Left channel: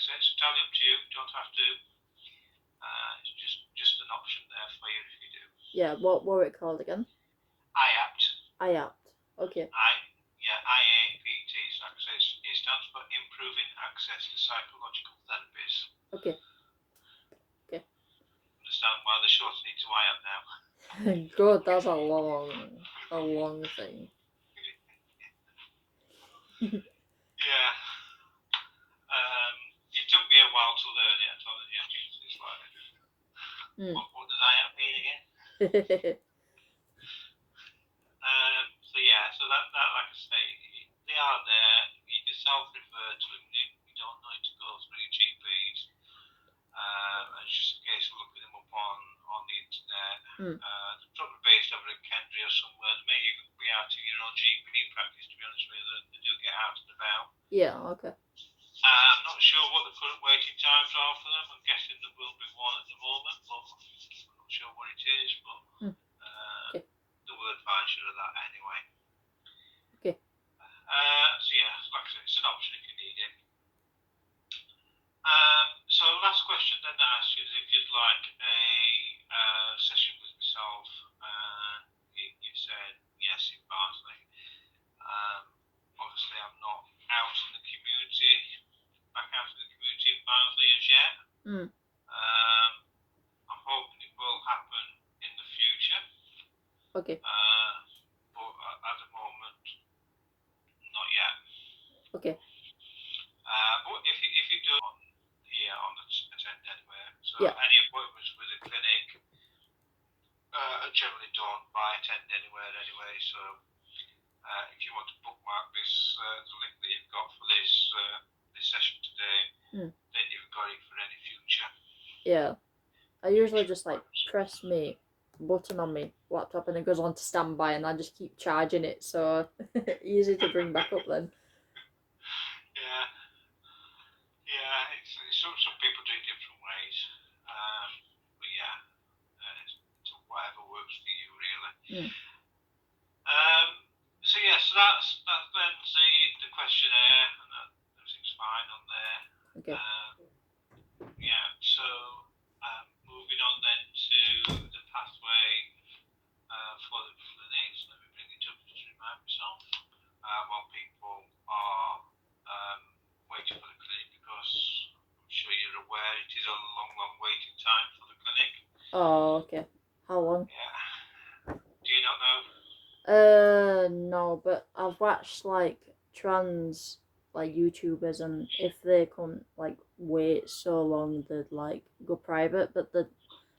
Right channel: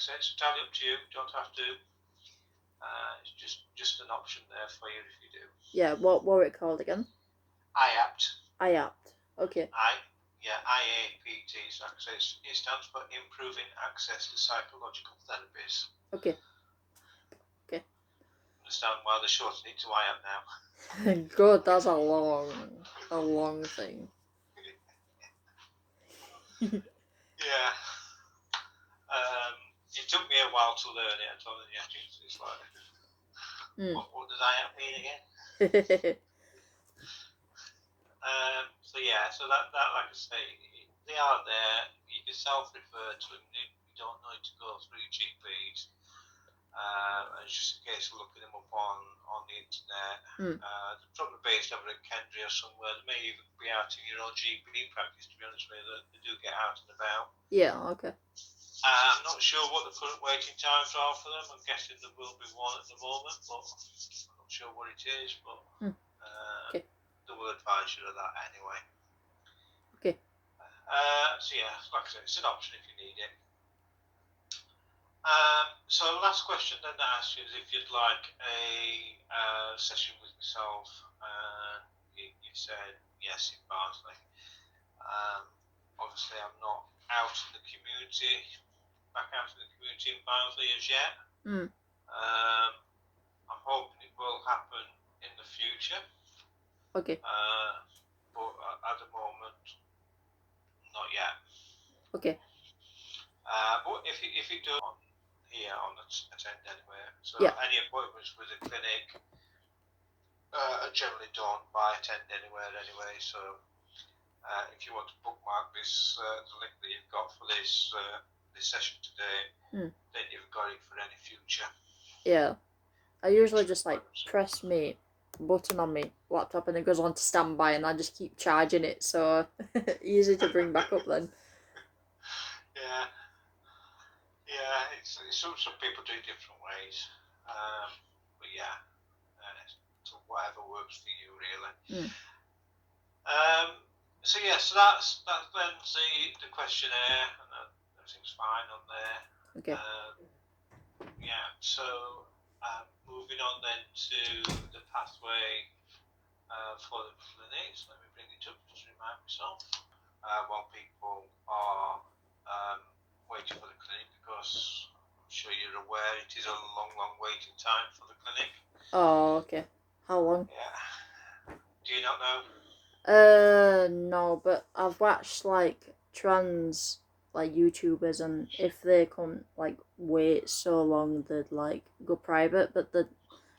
I say, it's entirely up to you. You don't have to. It's just an option there for you if you do. Yeah, what were it called again? IAPT. IAPT. Okay. IAPT. So it stands for Improving Access to Psychological Therapies. Okay. Understand why they're shortening it to IAPT now? God, that's a long thing. Yeah. It took me a while to learn it. I told you, it's like, what does IAPT mean again? So that like I say, they are there. You can self-refer to them. You don't need to go through GPs. It's just a case of looking them up on the internet. They're probably based over at Kendry or somewhere. They may even be out in your own GP practice, to be honest with you. They do get out and about. Yeah, okay. I'm not sure what the current waiting times are for them. I'm guessing there will be one at the moment, but I'm not sure what it is. But okay. They will advise you of that anyway. Okay. So yeah, like I said, it's an option if you need it. So last question then to ask you is if you'd like a session with myself. You said yes in Barnsley. Obviously I'm not out in the community, back out in the community in Barnsley as yet. I'm hoping it will happen in the future. Okay. But at the moment, not yet. Okay. But if it does here on Attend Anywhere, so yeah. any appointments with the clinic are generally done by Attend Anywhere anyway. So if you want to bookmark this, the link that you've got for this session today, then you've got it for any future. Yeah, I usually just like press me button on my laptop and it goes on to standby, and I just keep charging it, so easy to bring back up then. Some people do it different ways, but yeah, so whatever works for you really. So that's then the questionnaire, and everything's fine on there. Okay. So moving on then to the pathway for the clinics. Let me bring it up just to remind myself. While people are waiting for the clinic, because I'm sure you're aware it is a long waiting time for the clinic. Oh, okay. How long? Yeah. Do you not know? No, but I've watched like trans like YouTubers, and if they can't like wait so long, they'd like go private. But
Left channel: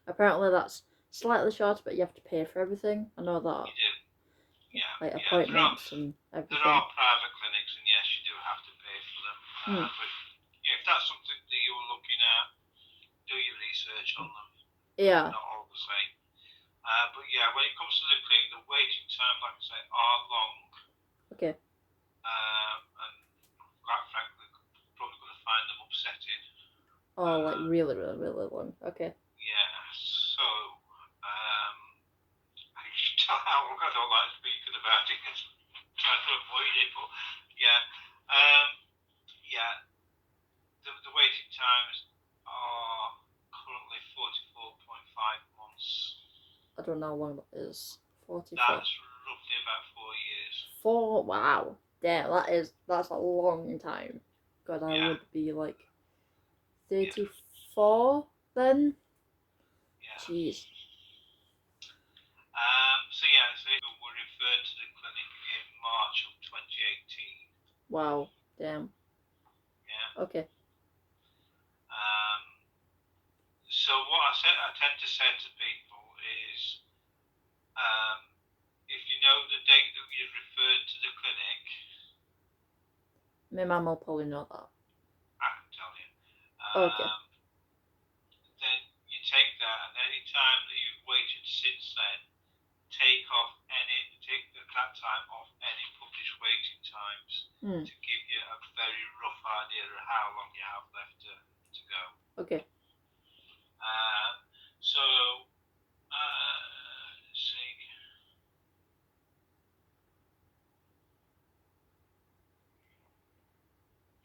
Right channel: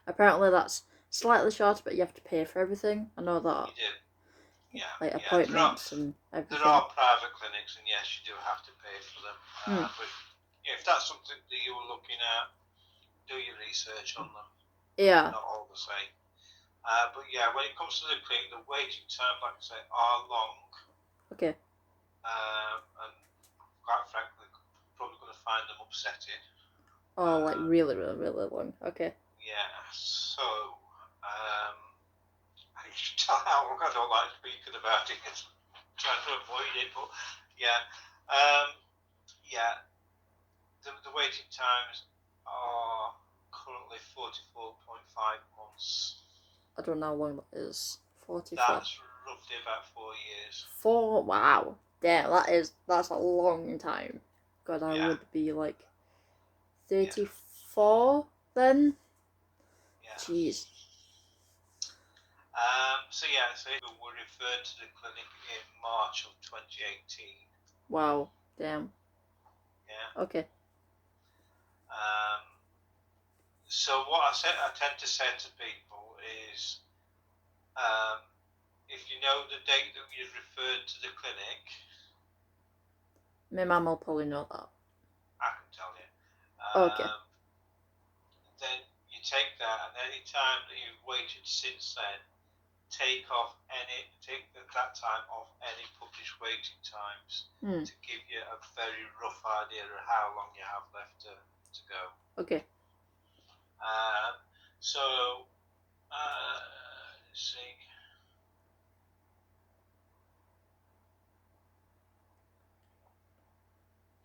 apparently that's slightly shorter, but you have to pay for everything. I know that. You do. Yeah. Like appointments and everything. There are private clinics, and yes, you do have to pay for them. But if that's something that you were looking at, do your research on them. Yeah. Not all the same. But yeah, when it comes to the clinic, the waiting time, like I say, are long. Okay. And quite frankly, probably going to find them upsetting. Oh, like really long. Okay. Yeah. So, I don't like speaking about it. Trying to avoid it, but yeah. The waiting times are currently 44.5 months. I don't know how long that is. 44. That's roughly about 4 years. 4? Wow. Damn, that's a long time. God, I would be like 34 then. Yeah. Jeez. So we were referred to the clinic in March of 2018. Wow. Damn. Yeah. Okay. So what I tend to say to people is, if you know the date that you've referred to the clinic, my mum will probably know that. I can tell you. Okay. Then you take that, and any time that you've waited since then, take that time off any published waiting times to give you a very rough idea of how long you have left to go. Okay. Let's see.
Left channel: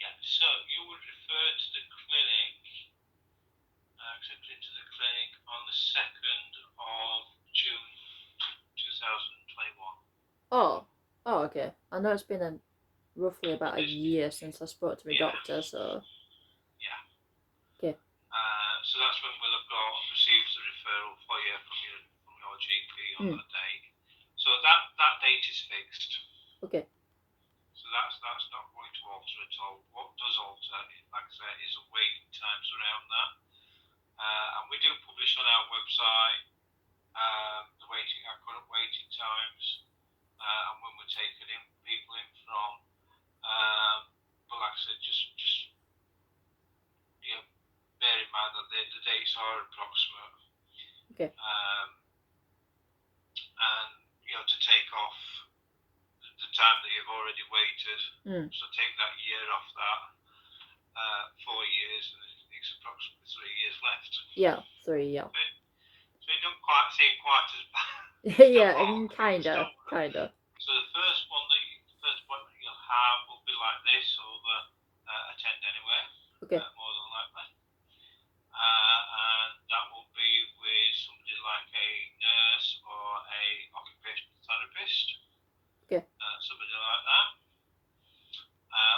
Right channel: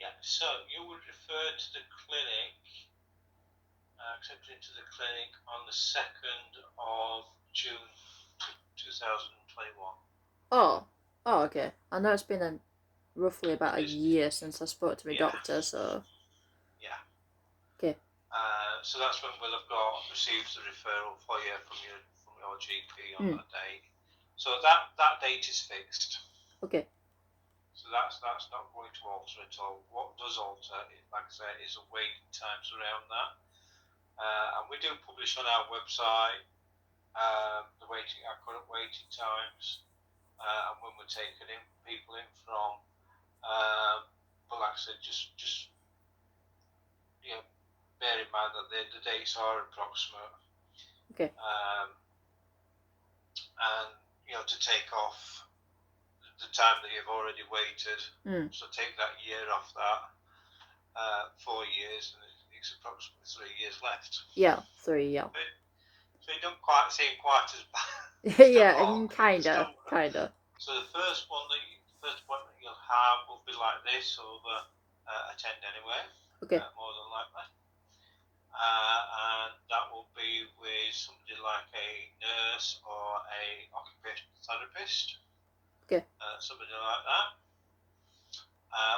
Yeah, So you would refer to the clinic, accepted into the clinic on the 2nd of June 2021. Oh, okay. I know it's been roughly about a It's, year since I spoke to my yeah, doctor, so yeah. okay. So that's when we'll have received the referral for you from your GP on Mm. that day. So that date is fixed. Okay. So that's not going to alter at all. What does alter, like I say, is the waiting times around that. And we do publish on our website our current waiting times, and when we're taking people in from. But like I said, just bear in mind that the dates are approximate. Okay. And to take off the time that you've already waited. So take that year off that. 4 years, and it's approximately 3 years left. Yeah, 3. Yeah. So you don't quite seem quite as bad. Yeah, kinda. So the first appointment you'll have will be like this over attend anywhere. Okay. More than likely. And that will be with somebody like a nurse or a occupational therapist. Okay. Somebody like that.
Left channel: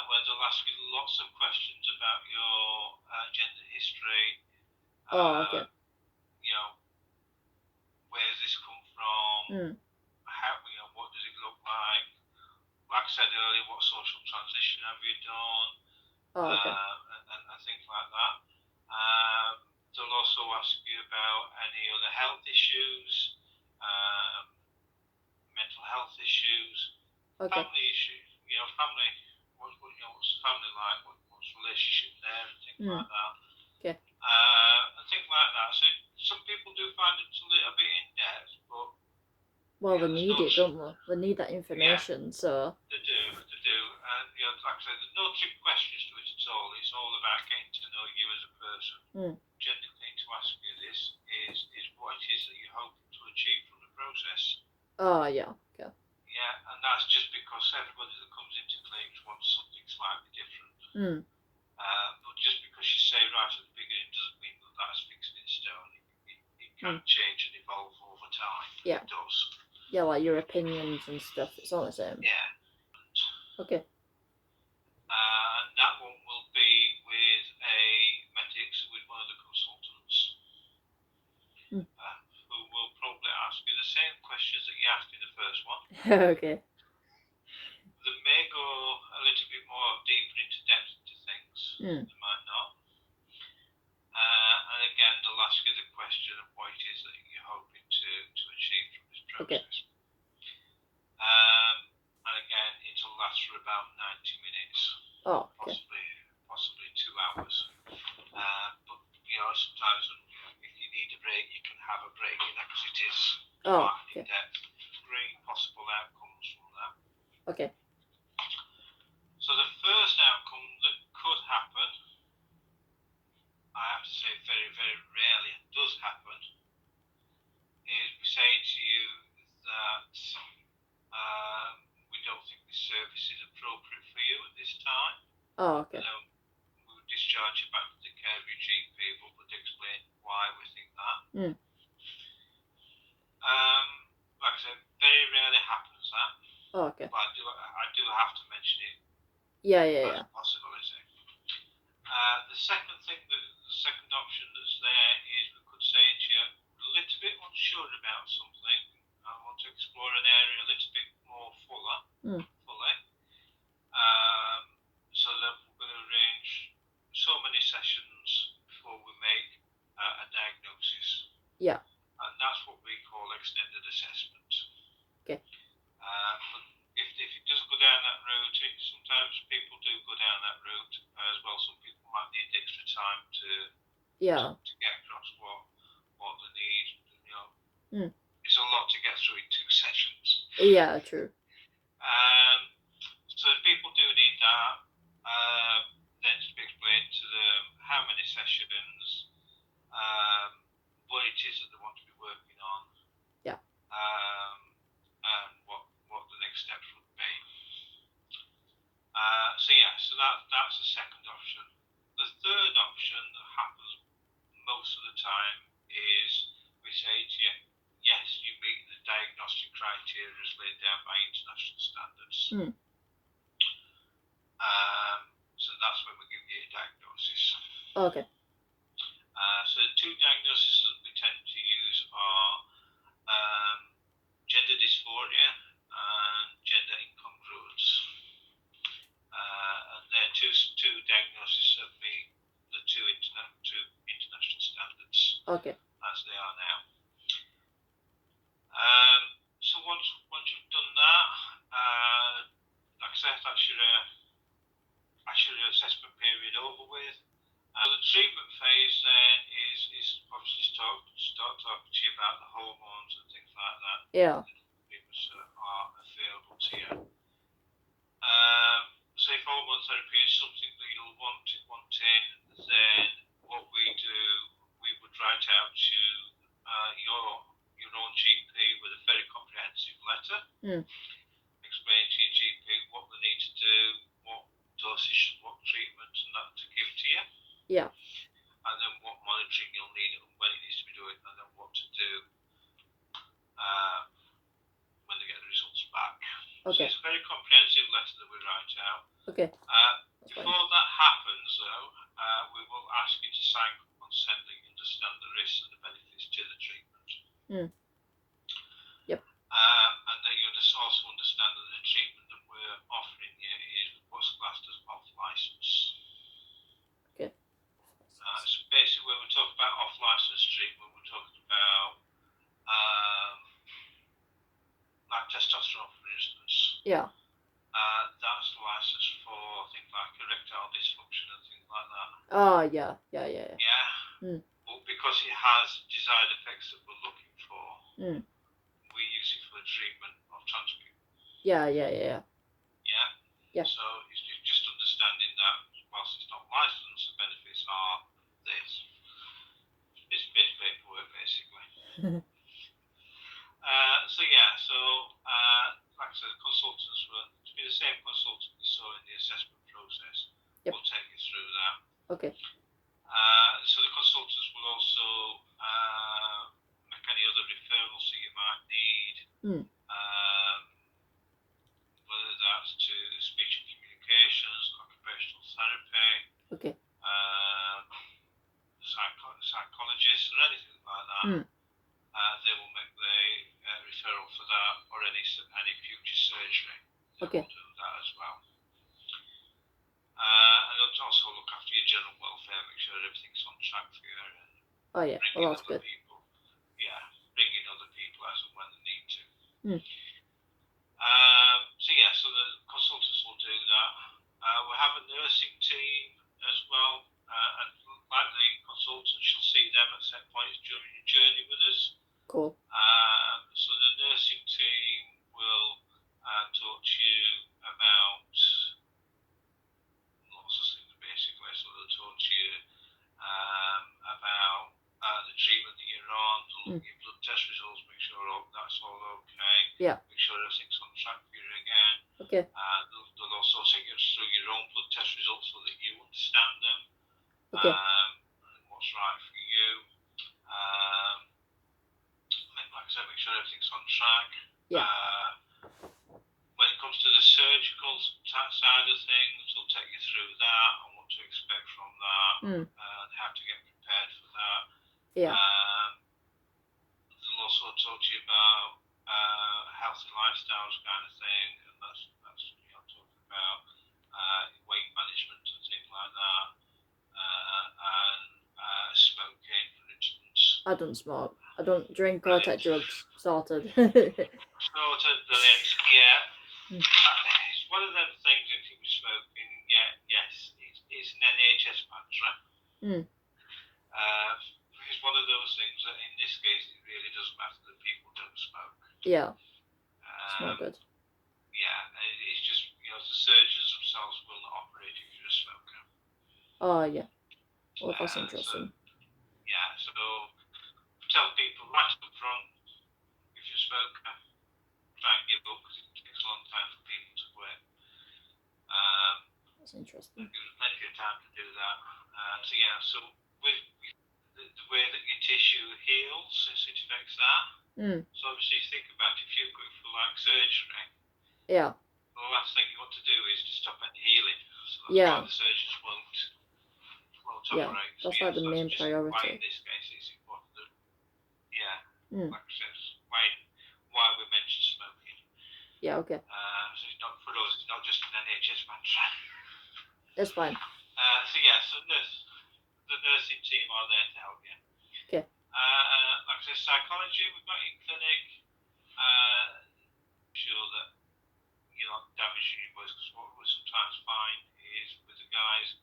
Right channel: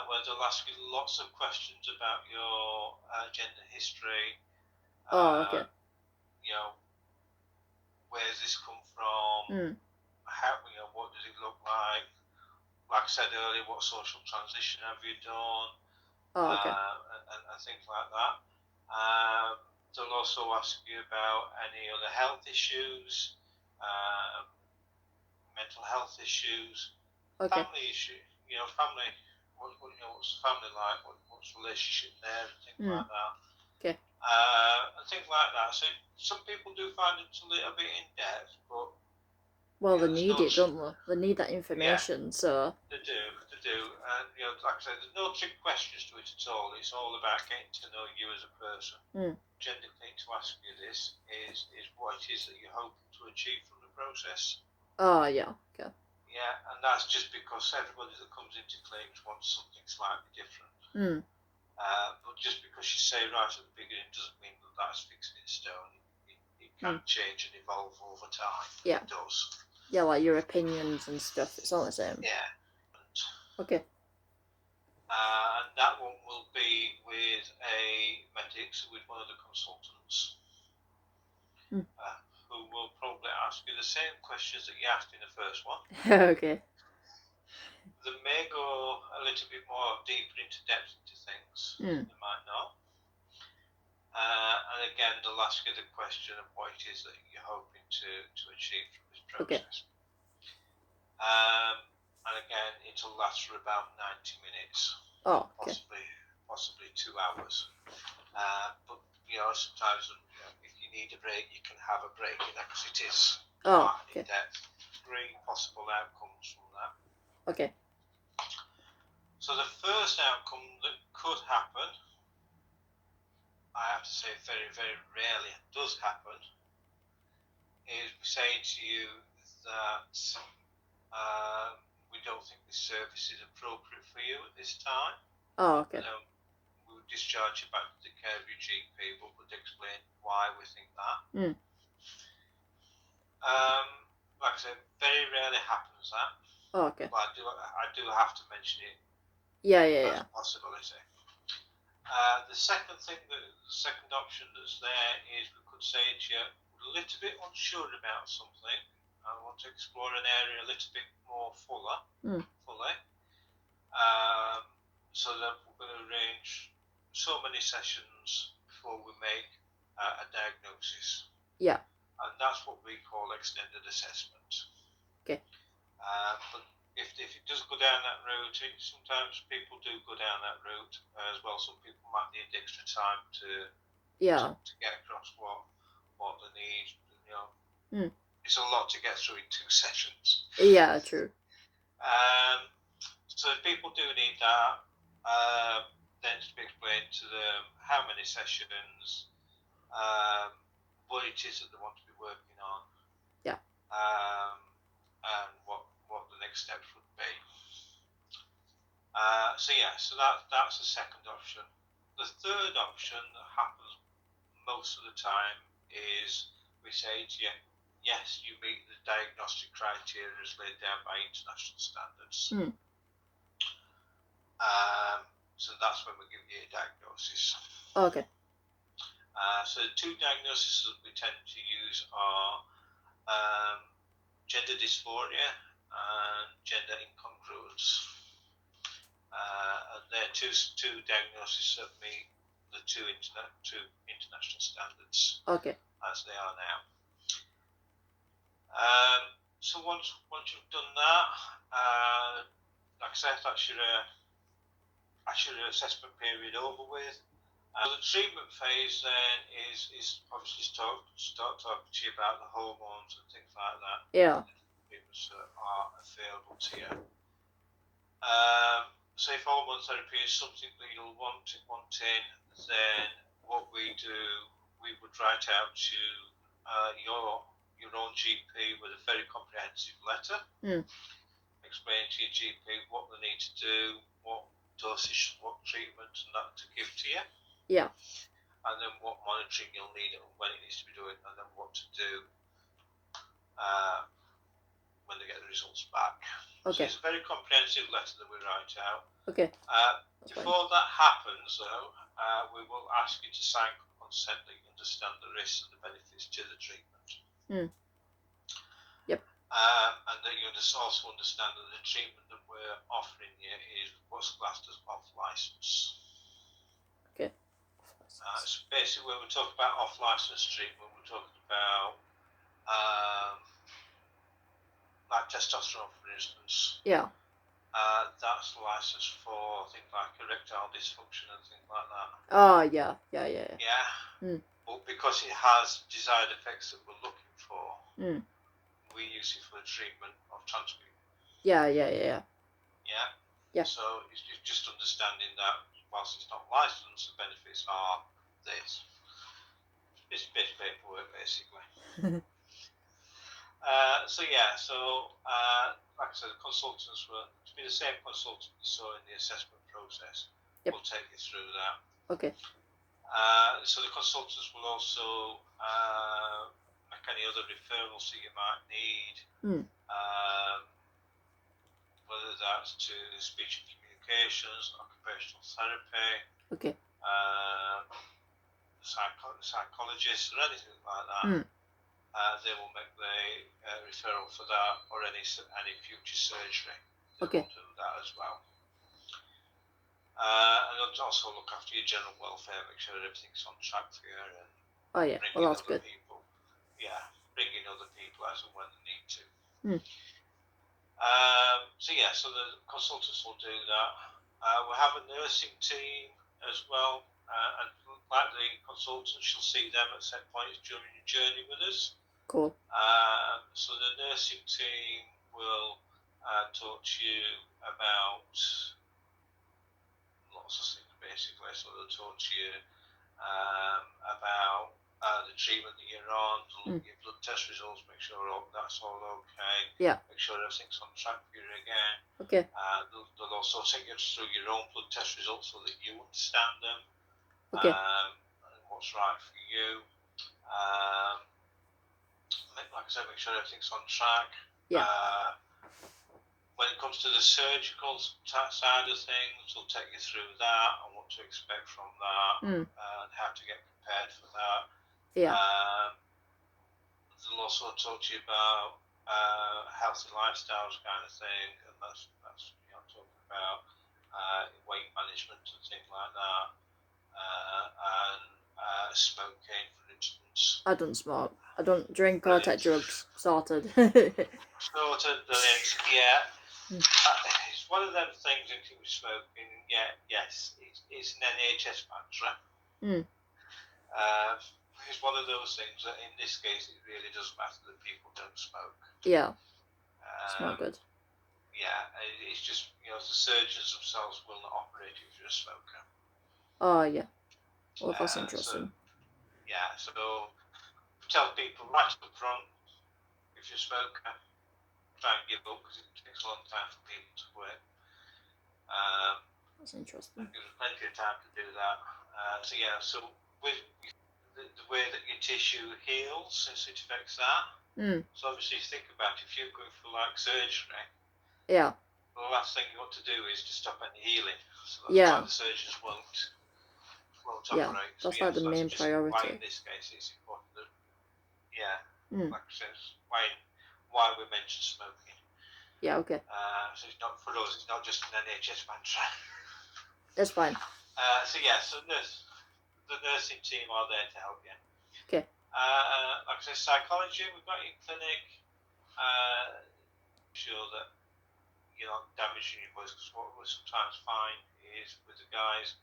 Where they'll ask you lots of questions about your gender history. Okay. Where's this come from? What does it look like? Like I said earlier, what social transition have you done? Okay. And things like that. They'll also ask you about any other health issues, mental health issues, Okay. family issues. Family. What's family like? What's relationship there, and things like that. Okay. And things like that. So some people do find it a little bit in depth, but well, they need it, don't they? They need that information. Yeah, so they do, and like I said, there's no trick questions to it at all. It's all about getting to know you as a person. Gender need to ask you this is what it is that you're hoping to achieve from the process. Yeah. Okay. Yeah, and that's just because everybody that comes into clinics wants something slightly different. But just because you say right at the beginning doesn't mean that that's fixed in stone. It can change and evolve over time. Yeah. It does. Yeah, like your opinions and stuff. It's all the same. Yeah. Okay. And that one will be with a medics, with one of the consultants, who will probably ask you the same questions that you asked in the first one. Okay. They may go a little bit more deeper into depth into things. They might not. And again, they'll ask you the question of what it is that you're hoping to achieve from this process. Okay. And again, it'll last for about 90 minutes. Okay. Possibly 2 hours. But sometimes if you need a break, you can have a break in that because it is in depth. 3 possible outcomes from that. Okay. So the first outcome that could happen, I have to say very, very rarely does happen, is we say to you that we don't think this service is appropriate for you at this time. Okay. We would discharge you back to the care of your GP, but would explain why we think that. Like I said, very rarely happens that. Okay. But I do have to mention it. Yeah. As a possibility. The second option that's there is we could say to you, we're a little bit unsure about something. I want to explore an area a little bit more fully. So that we're going to arrange so many sessions before we make a diagnosis. Yeah. And that's what we call extended assessment. Okay. But if it does go down that route, sometimes people do go down that route as well. Some people might need extra time to get across what they need. It's a lot to get through in 2 sessions. Yeah, true. So if people do need that, then to be explained to them how many sessions, what it is that they want to be working on. Yeah. And what the next steps would be. So that's the second option. The third option that happens most of the time is we say to you, yes, you meet the diagnostic criteria as laid down by international standards. So that's when we give you a diagnosis. Okay. So the two diagnoses that we tend to use are gender dysphoria and gender incongruence. And they're two diagnoses that meet the two international standards. Okay. As they are now. So once you've done that, like I said, that's your assessment period over with. So the treatment phase then is obviously start talking to you about the hormones and things like that. Yeah. Treatments that are available to you. So if hormone therapy is something that you'll want in, then what we do, we would write out to your own GP with a very comprehensive letter, explaining to your GP what they need to do, what dosage, what treatment, and that to give to you. Yeah. And then what monitoring you'll need and when it needs to be doing, and then what to do when they get the results back. Okay. So it's a very comprehensive letter that we write out. Okay. Before that happens, though, we will ask you to sign consent that you understand the risks and the benefits to the treatment. Yep. And that you also understand that the treatment that we're offering you is what's classed as off license. Okay. So basically, when we talk about off license treatment, we're talking about like testosterone, for instance. Yeah. That's licensed for things like erectile dysfunction and things like that. Oh, yeah. Yeah. But because it has desired effects that we're looking for, we use it for the treatment of trans people. Yeah. So it's just understanding that whilst it's not licensed, the benefits are this. It's a bit of paperwork, basically. Like I said, the consultants will be the same consultant you saw in the assessment process. Yep. We'll take you through that. Okay. So the consultants will also make any other referrals that you might need, whether that's to speech and communications, occupational therapy, okay, psychologists, or anything like that. They will make the referral for that, or any future surgery. Okay. They'll do that as well. And they'll also look after your general welfare, make sure everything's on track for you. And oh yeah, well that's good. Bring in other people as and when they need to. So the consultants will do that. We have a nursing team as well, and like the consultants, you'll see them at set points during your journey with us. Cool. So the nursing team will talk to you about lots of things, basically. So they'll talk to you about the treatment that you're on, look at your blood test results, make sure that's all okay. Yeah. Make sure everything's on track for you again. Okay. They'll also take you through your own blood test results so that you understand them. Okay. And what's right for you. Like I said, make sure everything's on track. Yeah. When it comes to the surgical side of things, they'll take you through that and what to expect from that and how to get prepared for that. Yeah. They'll also talk to you about healthy lifestyles kind of thing, and that's talking about weight management and things like that, and smoking, for instance. I don't smoke. I don't drink or take drugs. Sorted. Sorted, brilliant. Yeah. It's one of them things that with smoking. Yes, it's an NHS matter. It's one of those things that in this case it really doesn't matter that people don't smoke. Yeah. It's not good. Yeah, it's just, the surgeons themselves will not operate if you're a smoker. Oh, yeah. Well, that's interesting. So tell people right up front, if you're a smoker, try and give up because it takes a long time for people to quit. That's interesting. Gives us plenty of time to do that. So with the way that your tissue heals, it affects that. So obviously, think about if you're going for like surgery. Yeah. The last thing you want to do is to stop any healing. So that's Yeah. why the surgeons won't Yeah, operate. that's like the main priority. Why in this case it's important that, like I said, why we mention smoking. Yeah, okay. So it's not for us, it's not just an NHS mantra. That's fine. So the nursing team are there to help you. Okay. Like I said, psychology, we've got in clinic. Sure that you're not damaging your voice, because what we sometimes find is with the guys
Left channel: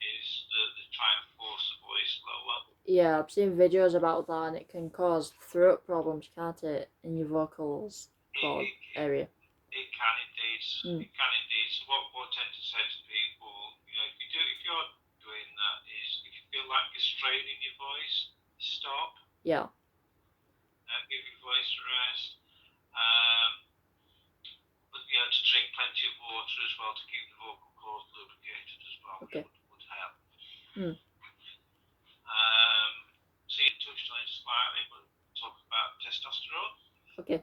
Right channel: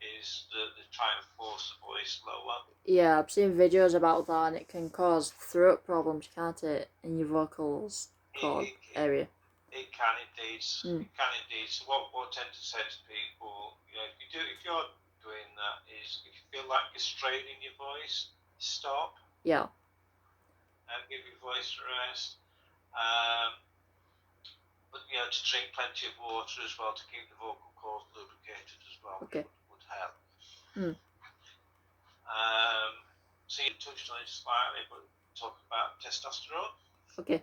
is that they try and force the voice lower. Yeah, I've seen videos about that, and it can cause throat problems, can't it, in your vocals cord area? It can indeed. It can indeed. So what I tend to say to people, if you're doing that, is if you feel like you're straining your voice, stop. Yeah. And give your voice a rest. But to drink plenty of water as well to keep the vocal cords lubricated as well. Okay. Would help. So you touched on it slightly, but talk about testosterone. Okay.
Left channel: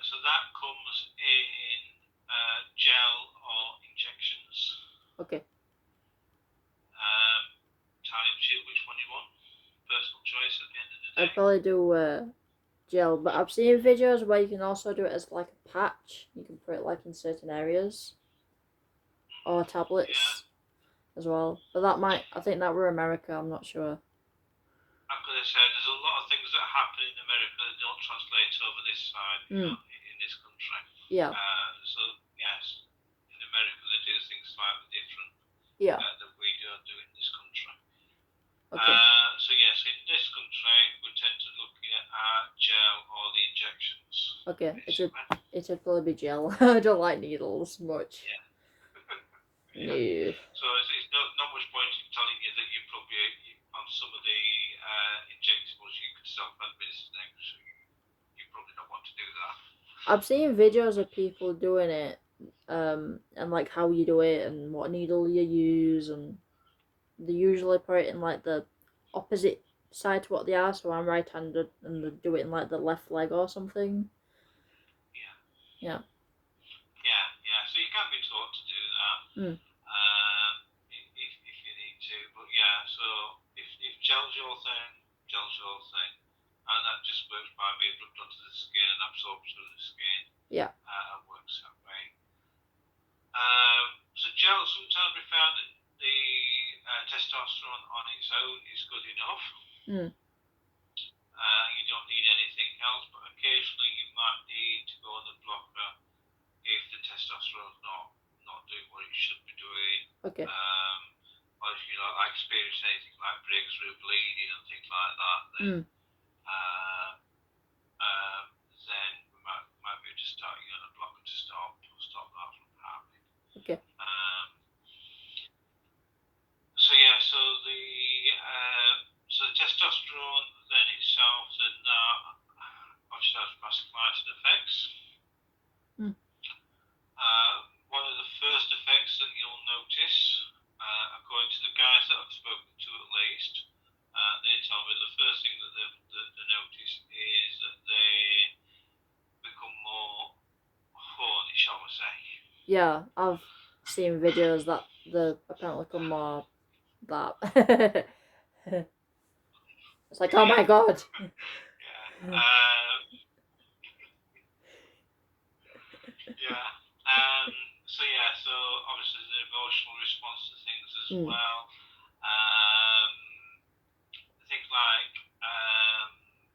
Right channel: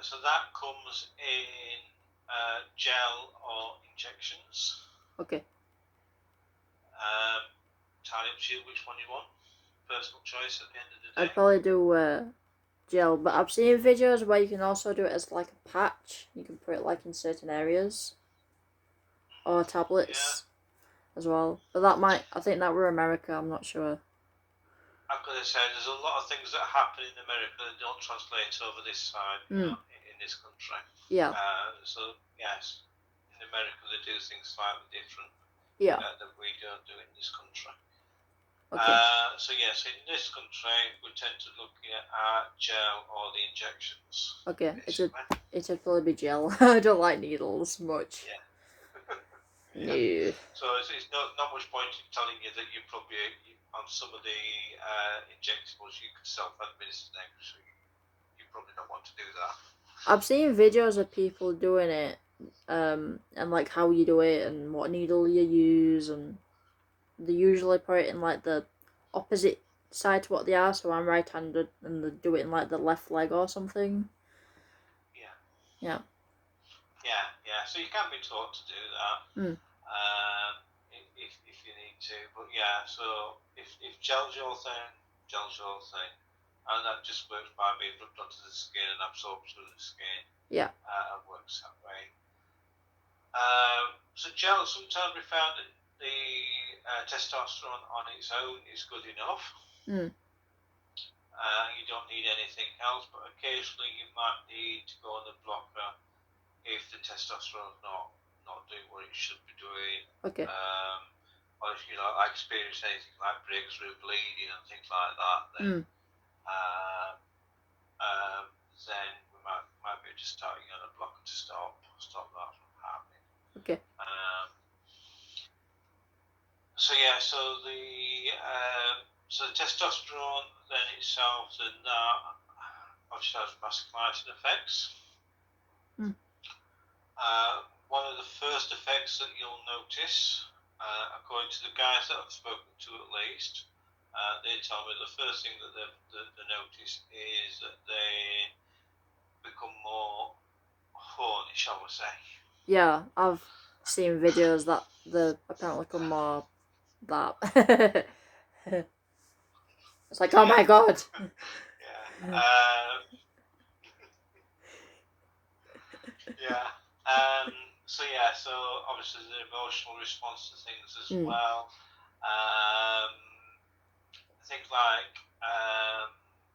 So that comes in gel or injections. Okay. Entirely up to you which one you want. Personal choice at the end of the day. I'd probably do gel, but I've seen videos where you can also do it as like a patch. You can put it like in certain areas. Or tablets as well. But I think that were America, I'm not sure. I've got to say, there's a lot of things that happen in America that don't translate over this side, in this country. Yeah. So, yes, in America they do things slightly different that we don't do in this country. Okay. So, yes, in this country we tend to look at gel or the injections. Okay, it should probably be gel. I don't like needles much. Yeah. No. So it's not much point in telling you that you probably on some of the injectables you could self-administer them, so you probably don't want to do that. I've seen videos of people doing it, and like how you do it and what needle you use, and they usually put it in like the opposite side to what they are. So I'm right-handed, and they do it in like the left leg or something. Yeah. So you can be taught to do that. If you need to, but so if gel's your thing, and that just works by being rubbed onto the skin and absorbs through the skin. Yeah. And works that way. So gel, sometimes we found that the testosterone on its own is good enough. You don't need anything else, but occasionally you might need to go on the blocker if the testosterone is not doing what it should be doing. Okay. Or if I experience anything like breakthrough bleeding and things like that, then then we might be able to start a blocker to stop that from happening. Okay. So the testosterone then itself, then that obviously has vasodilating effects. One of the first effects that you'll notice, according to the guys that I've spoken to at least, they tell me the first thing that they notice is that they become more horny, shall we say. Yeah, I've seen videos that they apparently become more that. It's like, oh my god. So obviously the emotional response to things as well. Things like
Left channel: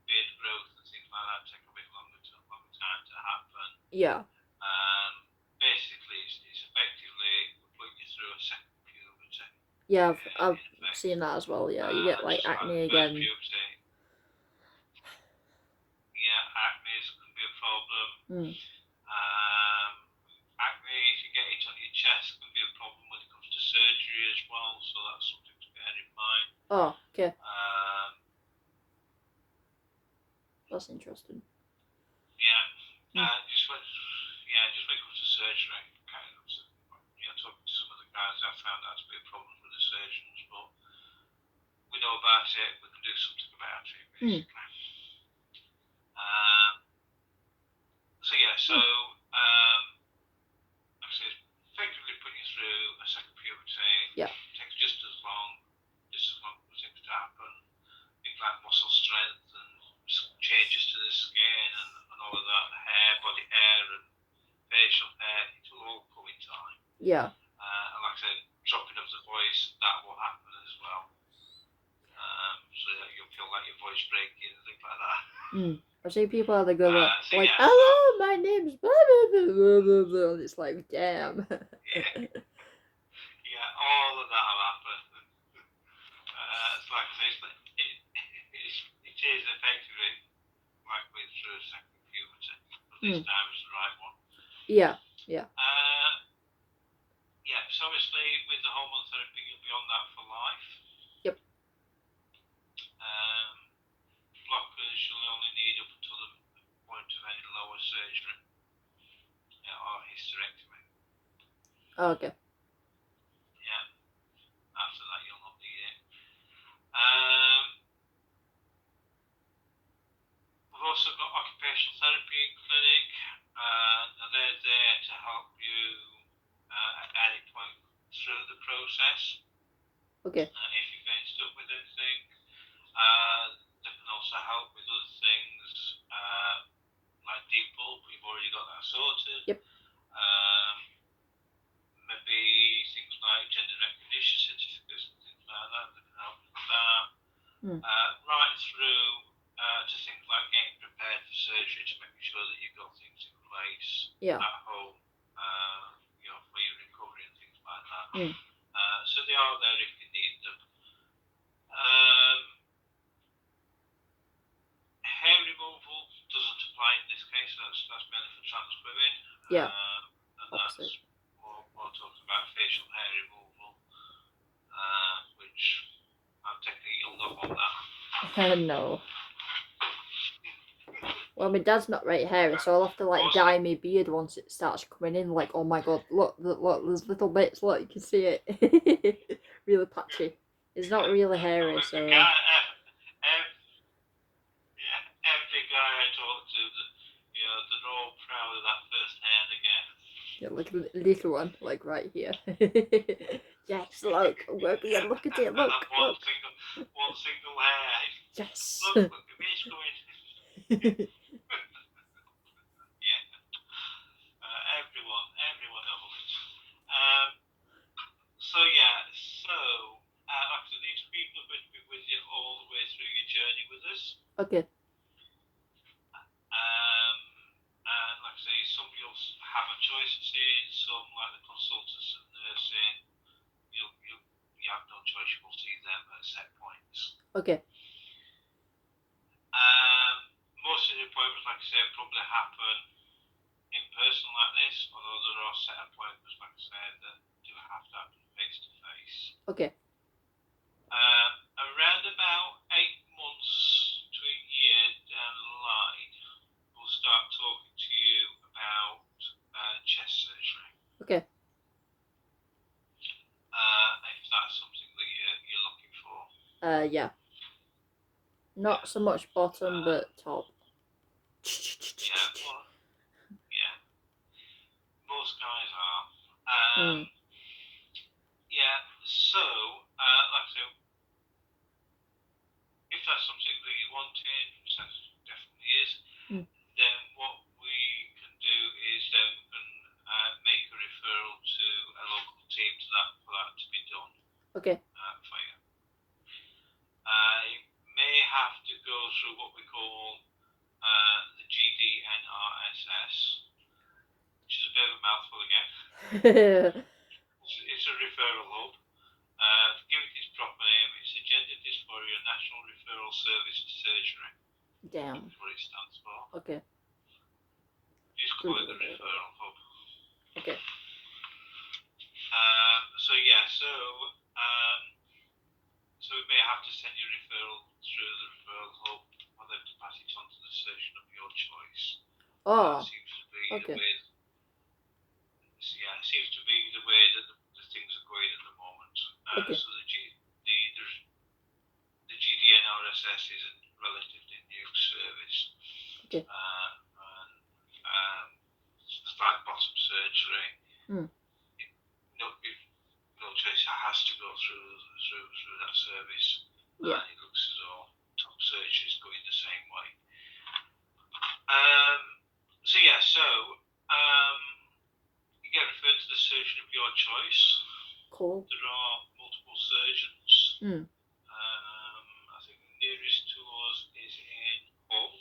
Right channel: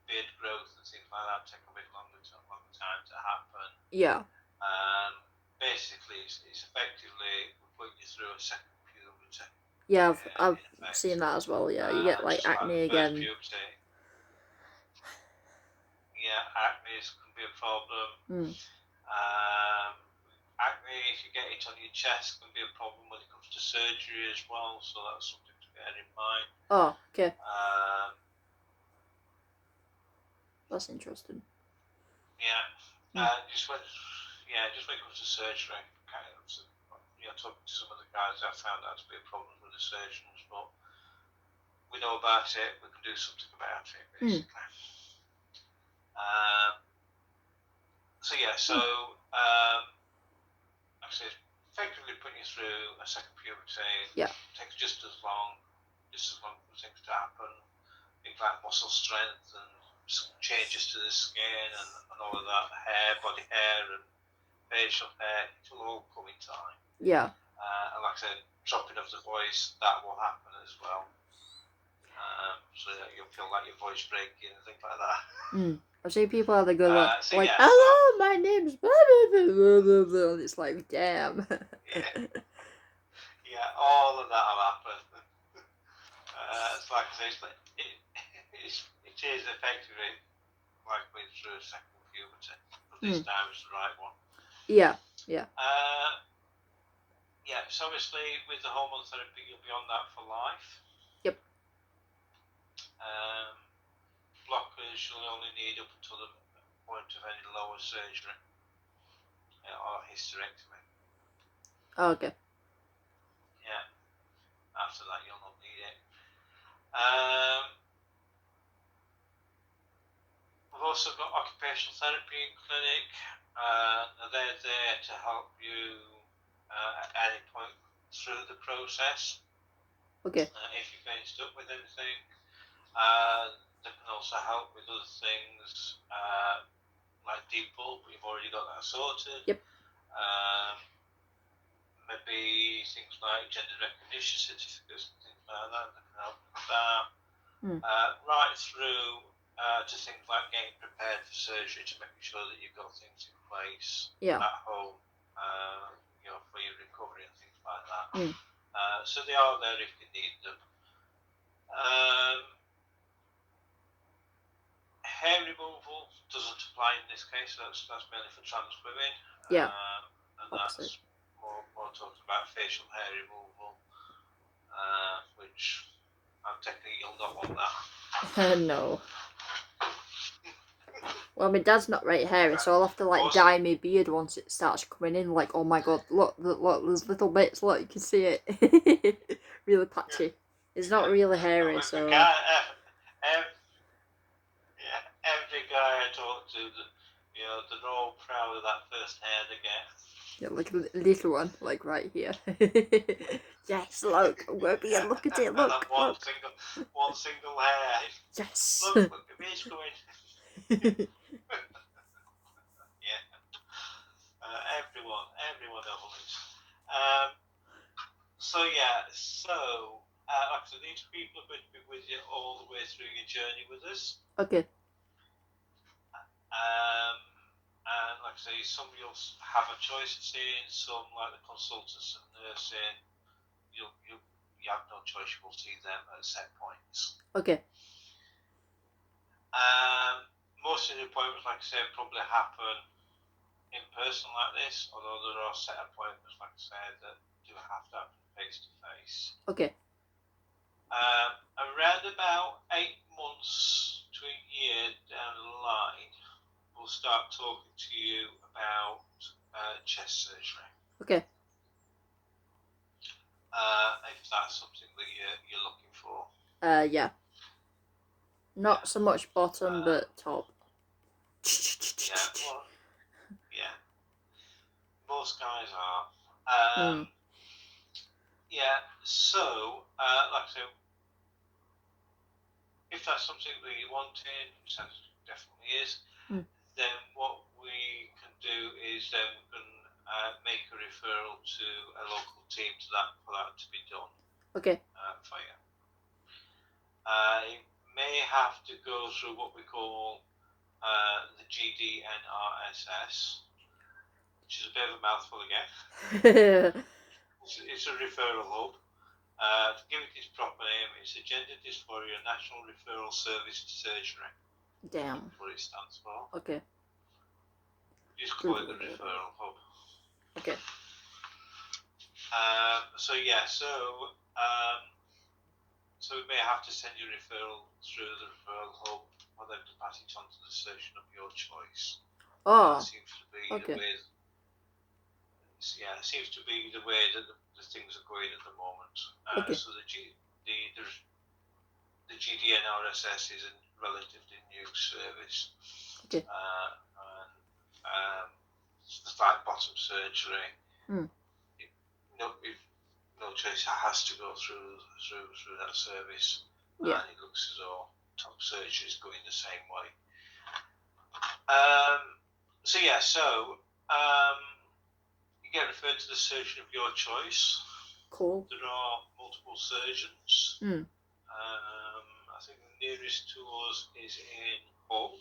beard growth and things like that take a bit longer time to happen. Yeah. Basically, it's effectively putting you through a second puberty. Yeah, I've seen that as well. Yeah, you get like acne again. Puberty. Yeah, acne can be a problem. Acne, if you get it on your chest, can be a problem when it comes to surgery as well. So that's something to bear in mind. Oh, okay. That's interesting. Just when it comes to surgery, talking to some of the guys, I found that to be a problem with the surgeons, but we know about it, we can do something about it, basically. Like I said, effectively putting you through a second puberty takes just as long for things to happen. Things like muscle strength and some changes to the skin and all of that, body hair and facial hair, it will all come in time. Yeah. And like I said, dropping of the voice, that will happen as well. So that you'll feel like your voice breaking and things like that. I've seen people how they go hello, my name's blah, blah, blah, blah, blah. And it's like, damn. Yeah, all of that will happen. It's like I say, it is effectively like going through a second puberty, but this time it's the right one. Yeah. So obviously with the hormone therapy, you'll be on that for life. Yep. Blockers you'll only need up until the point of any lower surgery or hysterectomy. Okay. Yeah. After that, you'll not need it. We've also got occupational therapy in clinic. They're there to help you at any point through the process. Okay. If you're getting stuck with anything, they can also help with other things like deep pull, but you've already got that sorted. Yep. Maybe things like gender recognition certificates and things like that can help with that. Right through to things like getting prepared for surgery, to making sure that you've got things in place at home, for your recovery and things like that. So they are there if you need them. Hair removal doesn't apply in this case. That's mainly for trans women. Yeah. And that's more talking about facial hair removal, which I'm taking it you'll not want that. No. Well, my dad's not right hairy, so I'll have to dye my beard once it starts coming in. Like, oh my god, look, there's little bits. Look, you can see it. Really patchy. It's not really hairy, so. Every guy I talk to, they're all proud of that first hair they get. Yeah, like a little one, like right here. Yes, look, Webby, look at it, look. One single hair. Yes. Look, the beard's going. Everyone knows. Actually, these people are going to be with you all the way through your journey with us. Okay. And like I say, some you'll have a choice of seeing, some like the consultants and nursing, you have no choice, you will see them at set points. Okay. Most of the appointments, like I say, probably happen in person like this, although there are set appointments, like I said, that do have to happen face to face. Okay. Around about 8 months to a year down the line, we'll start talking to you about chest surgery. Okay. If that's something that you're looking for. Yeah. Not so much bottom, but top. Yeah. Most guys are. Yeah. So, like I said, if that's something that you're wanting, which that definitely is, then what we can do is we can make a referral to a local team for that to be done. Okay. For you. You may have to go through what we call the GDNRSS, which is a bit of a mouthful again. It's a referral hub. To give it its proper name, it's the Gender Dysphoria National Referral Service to Surgery. Damn. That's what it stands for. Okay. Just call it the referral hub. Okay. So we may have to send you a referral through the referral hub, or then to pass it on to the surgeon of your choice. Oh. That seems to be okay. the way it seems to be the way that the things are going at the moment. Okay. So the GDNRSS is a relatively new service. Okay. And the flat bottom surgery. Mm. No choice, has to go through that service. Yeah. And it looks as though top surgery is going the same way. You get referred to the surgeon of your choice. Cool. There are multiple surgeons. Mm. I think the nearest to us is in Hull.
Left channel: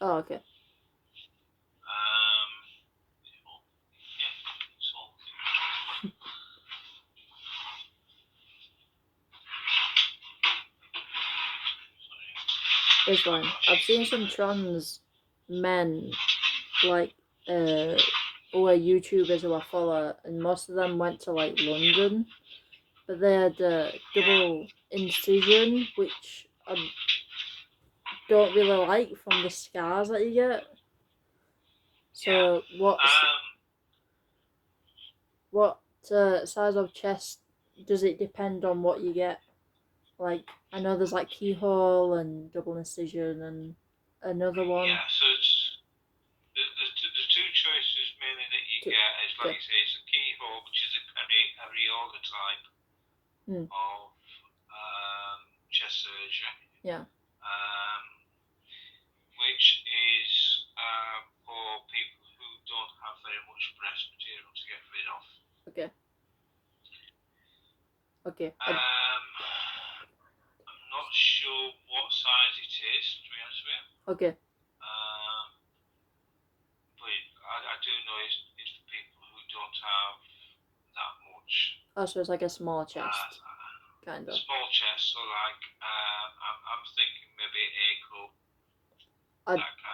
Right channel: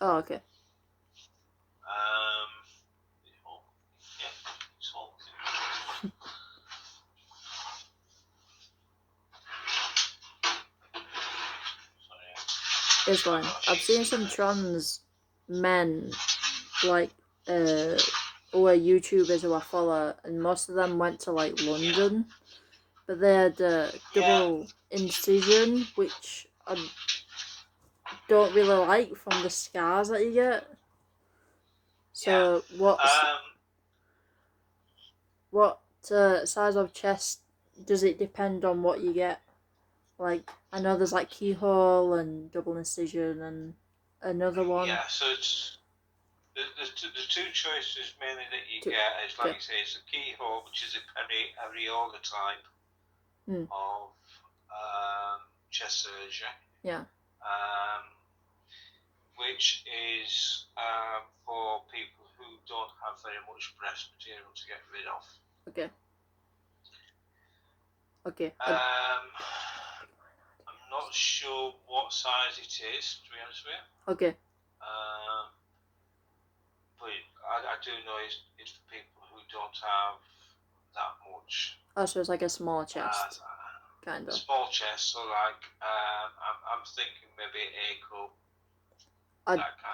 Oh, okay. Yeah, it's Hull. It's fine. I've seen some trans men, like, who are YouTubers who I follow, and most of them went to, like, London, but they had a double incision, which I don't really like from the scars that you get. So, what size of chest does it depend on what you get? Like, I know there's like keyhole and double incision and another one. Yeah, so it's the two choices mainly that you get is, like you say, it's a keyhole, which is a areola type of chest surgery. Yeah. Which is for people who don't have very much breast material to get rid of. Okay. Okay. I'm not sure what size it is, to be honest with you. Okay. But I do know it's for people who don't have that much. Oh, so it's like a small chest, kind of. Small chest, so like I'm thinking maybe A cup.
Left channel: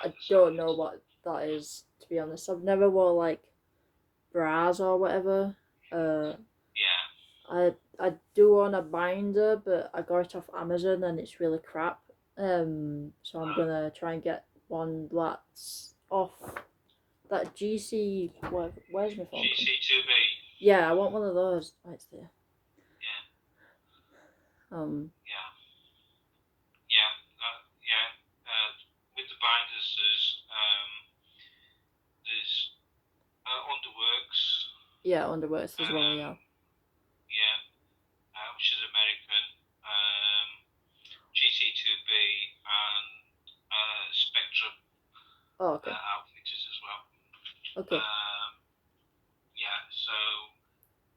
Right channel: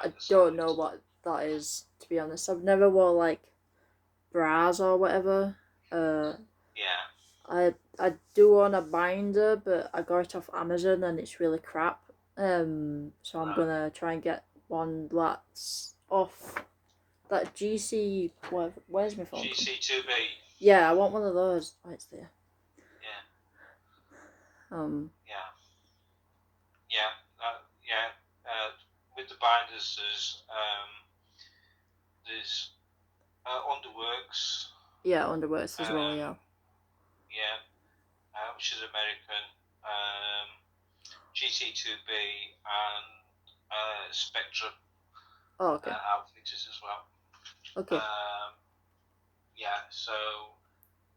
I don't know what that is, to be honest. I've never wore like bras or whatever. Yeah. I do own a binder, but I got it off Amazon and it's really crap. So I'm gonna try and get one that's off that GC. Where's my phone? GC2B. Yeah, I want one of those. Oh, it's there. Yeah. With the binders, there's Underworks. Yeah, Underworks as well. Yeah. Yeah, which is American. GC2B and Spectrum. Oh, okay. Outfitters as well. Okay. Yeah, so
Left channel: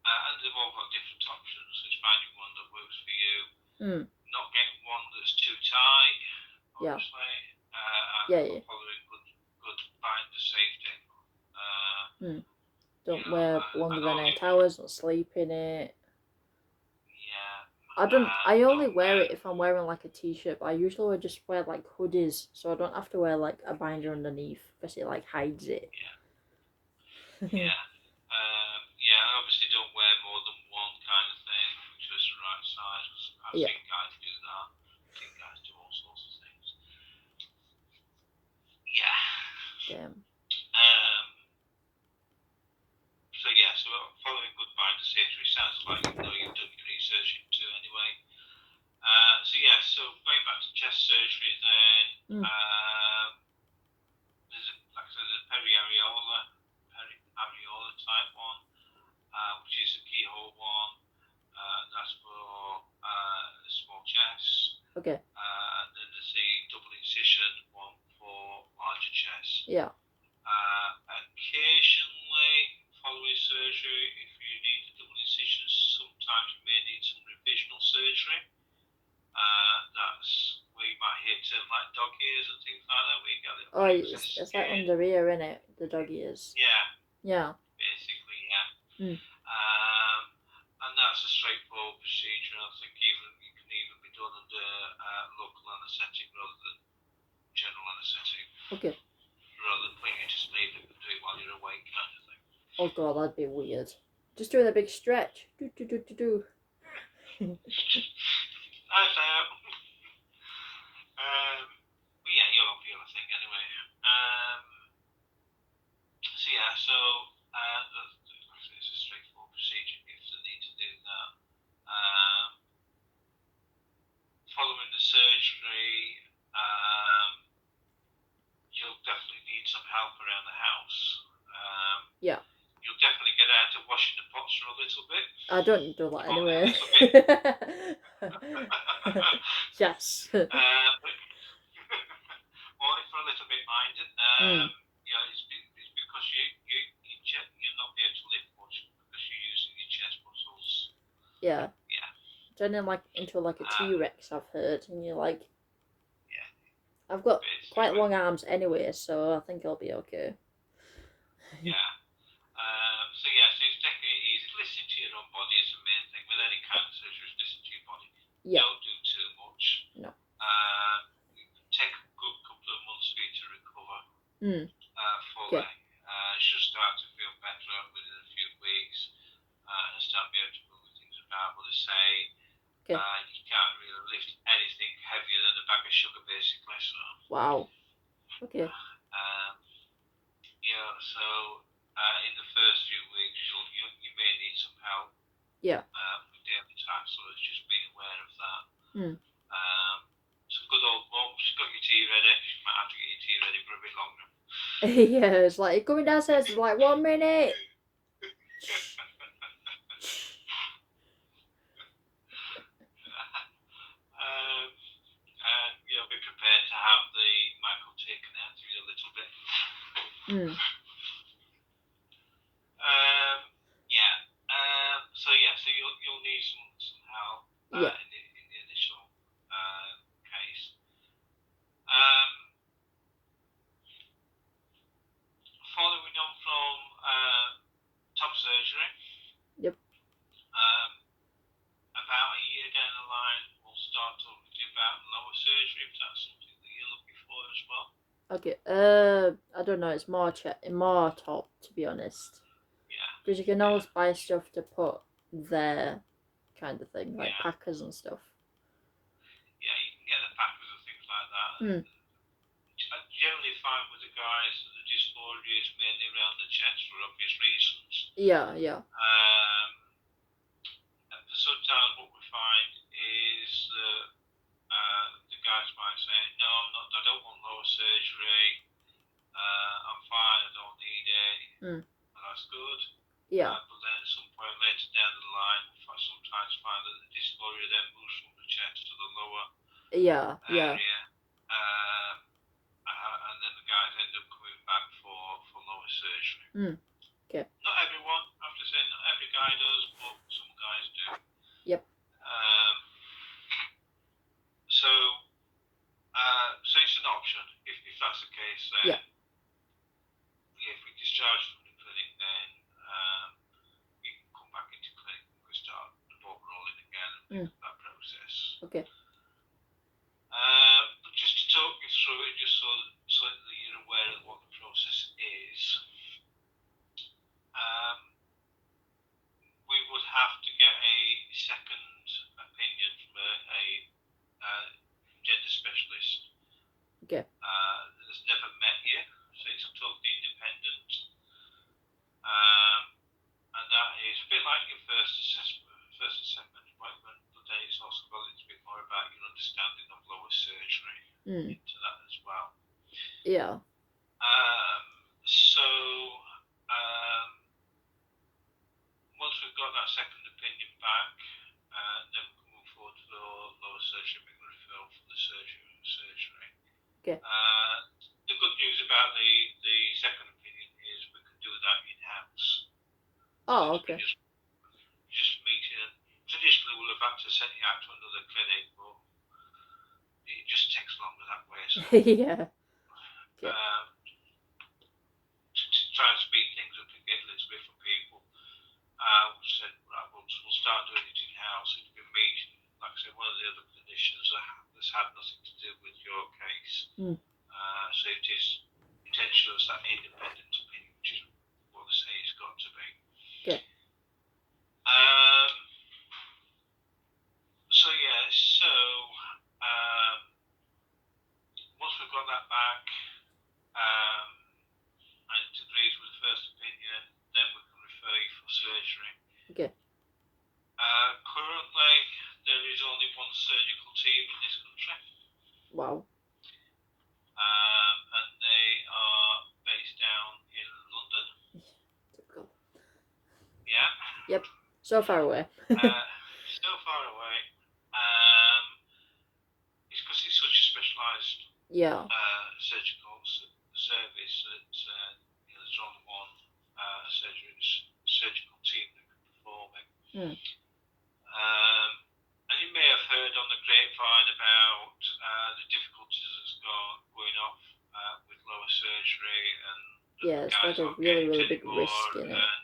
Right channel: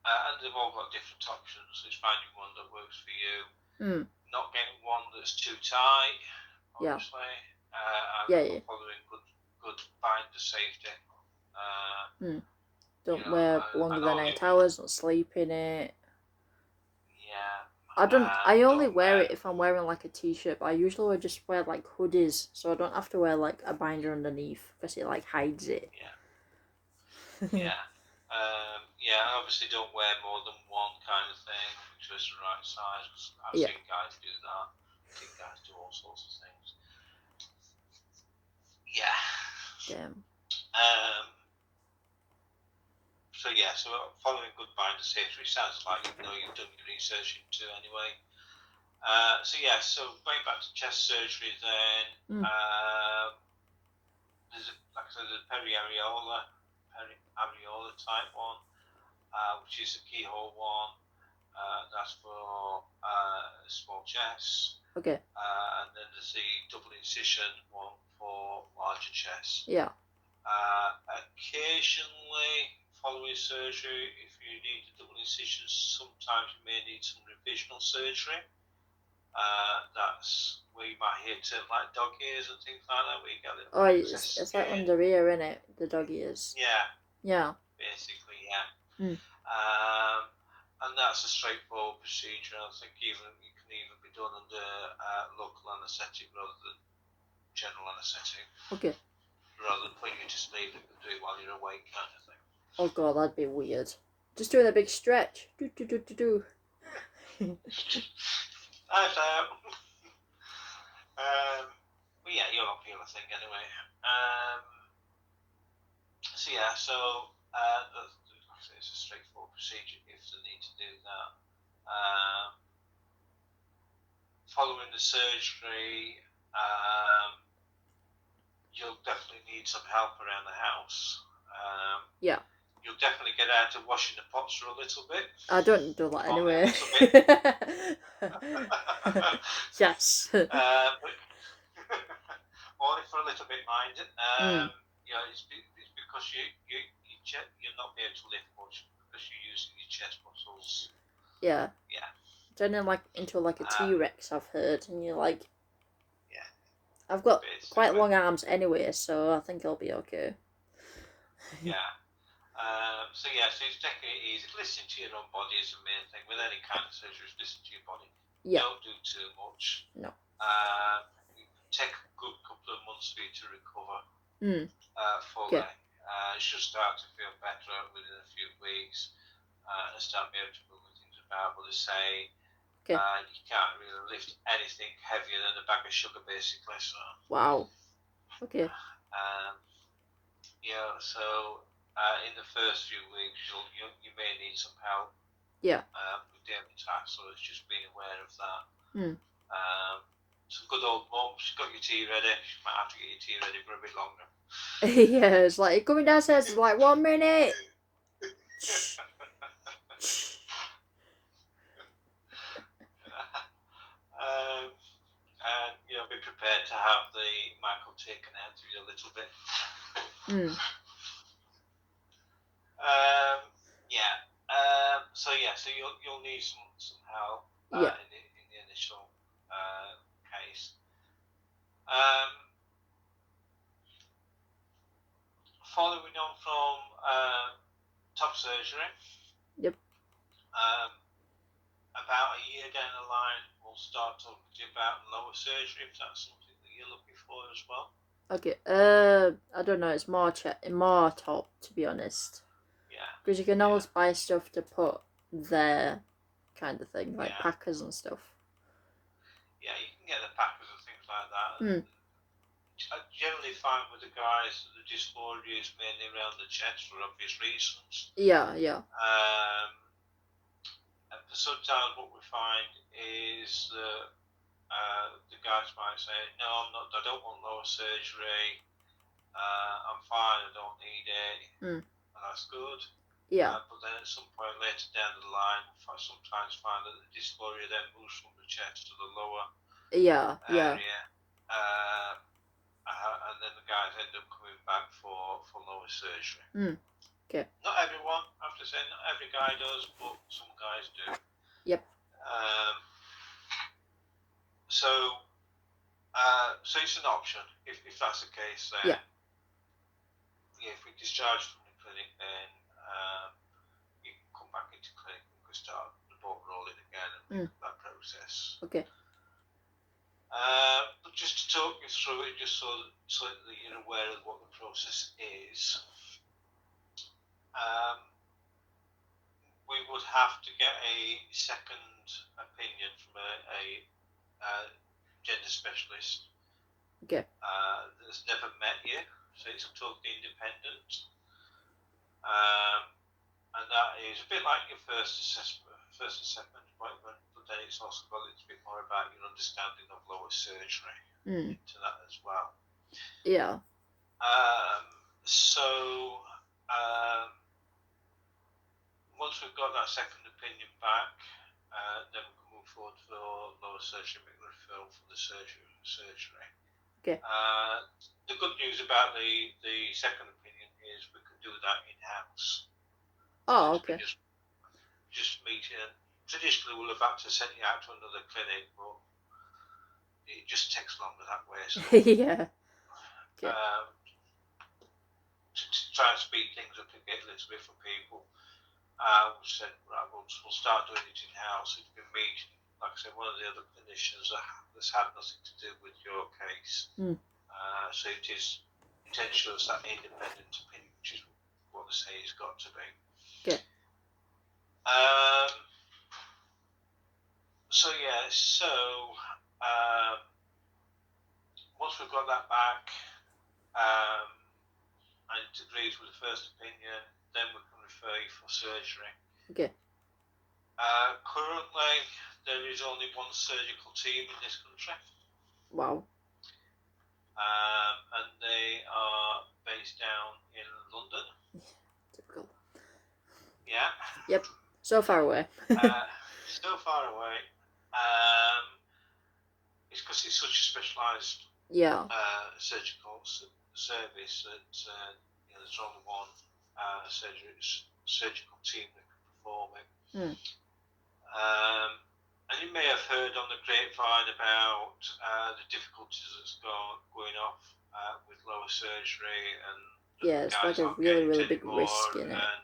and they've all got different options. So it's finding one that works for you. Not getting one that's too tight, obviously. And following good binder safety. Don't wear longer than 8 hours. Don't sleep in it. Yeah. I only wear it if I'm wearing like a t-shirt. But I usually just wear like hoodies, so I don't have to wear like a binder underneath because it like hides it. Yeah. Yeah. Obviously, don't wear more than one kind of thing. Just the right size. I've seen guys do that. I've seen guys do all sorts of things. Yeah. Damn. So following good binder safety sounds like you've done your research into anyway. So going back to chest surgery then, there's a periareola type one, which is a keyhole one. That's for small chests. Okay. And then there's the double incision one for larger chests. Yeah. Occasionally, following surgery, if you need a double incision, sometimes you may need some revisional surgery. That's where you might hear terms like dog ears and things like that, where you get a little it's like under ear, isn't it? The dog ears. Yeah. Yeah. Basically, yeah. And that's a straightforward procedure. I think it can even be done under local anaesthetic rather than general anaesthetic. Okay. Rather than putting you to sleep, you can do it while you're awake, kind of thing. Oh god, that'd be weird. Just doing a big stretch. Do. But yeah, you're not feeling a thing anyway. procedure if they need to do that. Following the surgery, you'll definitely need some help around the house. Yeah. You'll definitely get out of washing the pots for a little bit. I don't do that Only anyway. a little bit. Yes. But only for a little bit, mind. It's because you're not able to lift much because you're using your chest muscles. Yeah. Yeah. Turning into like a T-Rex, I've heard, and you're like, yeah. I've got Basically. quite long arms anyway, so I think I'll be okay. Yeah. So it's taking it easy. Listen to your own body is the main thing. With any kind of surgery, listen to your body. Yeah. Don't do too much. No. Take a good couple of months for you to recover fully. Okay. You should start to feel better within a few weeks and start being able to move things about. But they say you can't really lift anything heavier than a bag of sugar, basically. So. Wow. Okay. So in the first few weeks, you may need some help. Yeah. With daily tasks, so it's just being aware of that. Some good old mum, she's got your tea ready. She might have to get your tea ready for a bit longer. Yeah, it's like coming downstairs. It's like 1 minute. And be prepared to have the Michael taken out of you a little bit. So you'll need some help in the initial case. Following on from top surgery. Yep. About a year down the line, we'll start talking to you about lower surgery if that's something that you're looking for as well. Okay. I don't know. It's more top, to be honest. Yeah. Because you can always buy stuff to put there, kind of thing, like packers and stuff. Yeah, you can get the packers and things like that. I generally find with the guys that the dysphoria is mainly around the chest for obvious reasons. Yeah. And sometimes what we find is that the guys might say, "No, I don't want lower surgery. I'm fine. I don't need it." And that's good. Yeah. But then at some point later down the line, I sometimes find that the dysphoria then moves from the chest to the lower area. And then the guys end up coming back for lower surgery. Okay. Not everyone, I have to say, not every guy does, but some guys do. Yep. So it's an option if that's the case. Then if we discharge from the clinic, then you can come back into clinic and we start the ball rolling again and that process. Okay. But just to talk you through it, just so that you're aware of what the process is. We would have to get a second opinion from a gender specialist. Okay. That's never met you, so it's totally independent. And that is a bit like your first assessment appointment, but then it's also got a little bit more about your understanding of lower surgery into that as well. Yeah. Once we've got that second opinion back, then we can move forward for lower surgery, make the referral for the surgery. Okay. The good news about the second opinion is we can do that in-house. Oh, okay. Just meeting. Traditionally, we'll have had to send you out to another clinic, but it just takes longer that way. So, yeah. Okay. To try and speed things up and get a little bit for people, we said, right, we'll start doing it in-house. It's been meeting, like I said, one of the other clinicians that's had nothing to do with your case. So it is intentional, that independent opinion, which is what they say it's got to be. Okay. Once we've got that back, and it agrees with the first opinion, then we can refer you for surgery. Okay. Currently, there is only one surgical team in this country. Wow. And they are based down in London. Typical. Yeah. Yep. So far away. So far away. It's because it's such a specialised Yeah. surgical service that there's only one surgical team that can perform it. And you may have heard on the grapevine about the difficulties that's going off with lower surgery, and Yeah, it's guys like a aren't really, getting really it big anymore. risk in it. And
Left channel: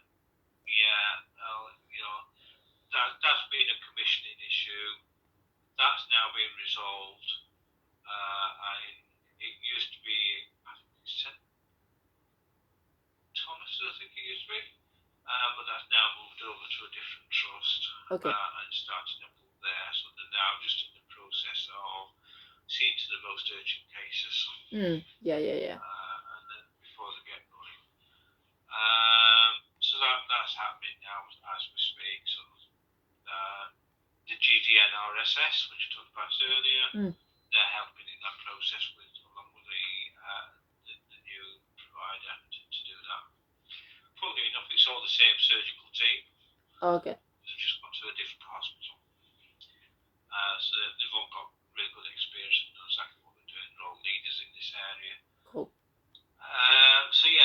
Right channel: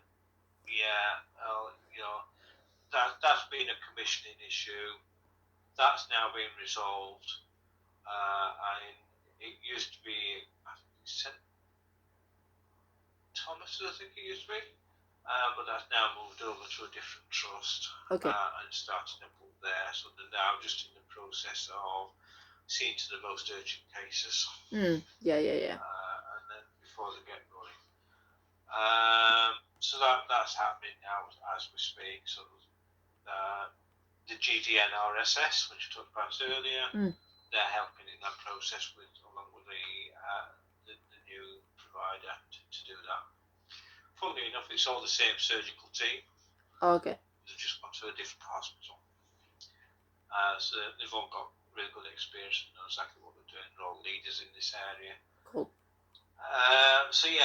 that's been a commissioning issue. That's now been resolved. And it used to be, I think St. Thomas, I think it used to be. But that's now moved over to a different trust. Okay. And starting up there. So they're now just in the process of seeing to the most urgent cases. Yeah. And then before they get going. So that's happening now as we speak. So the GDNRSS, which I talked about earlier, they're helping in that process along with the new provider to do that. Funnily enough, it's all the same surgical team. Okay. They've just gone to a different hospital. So they've all got really good experience and know exactly what they're doing. They're all leaders in this area. Cool. So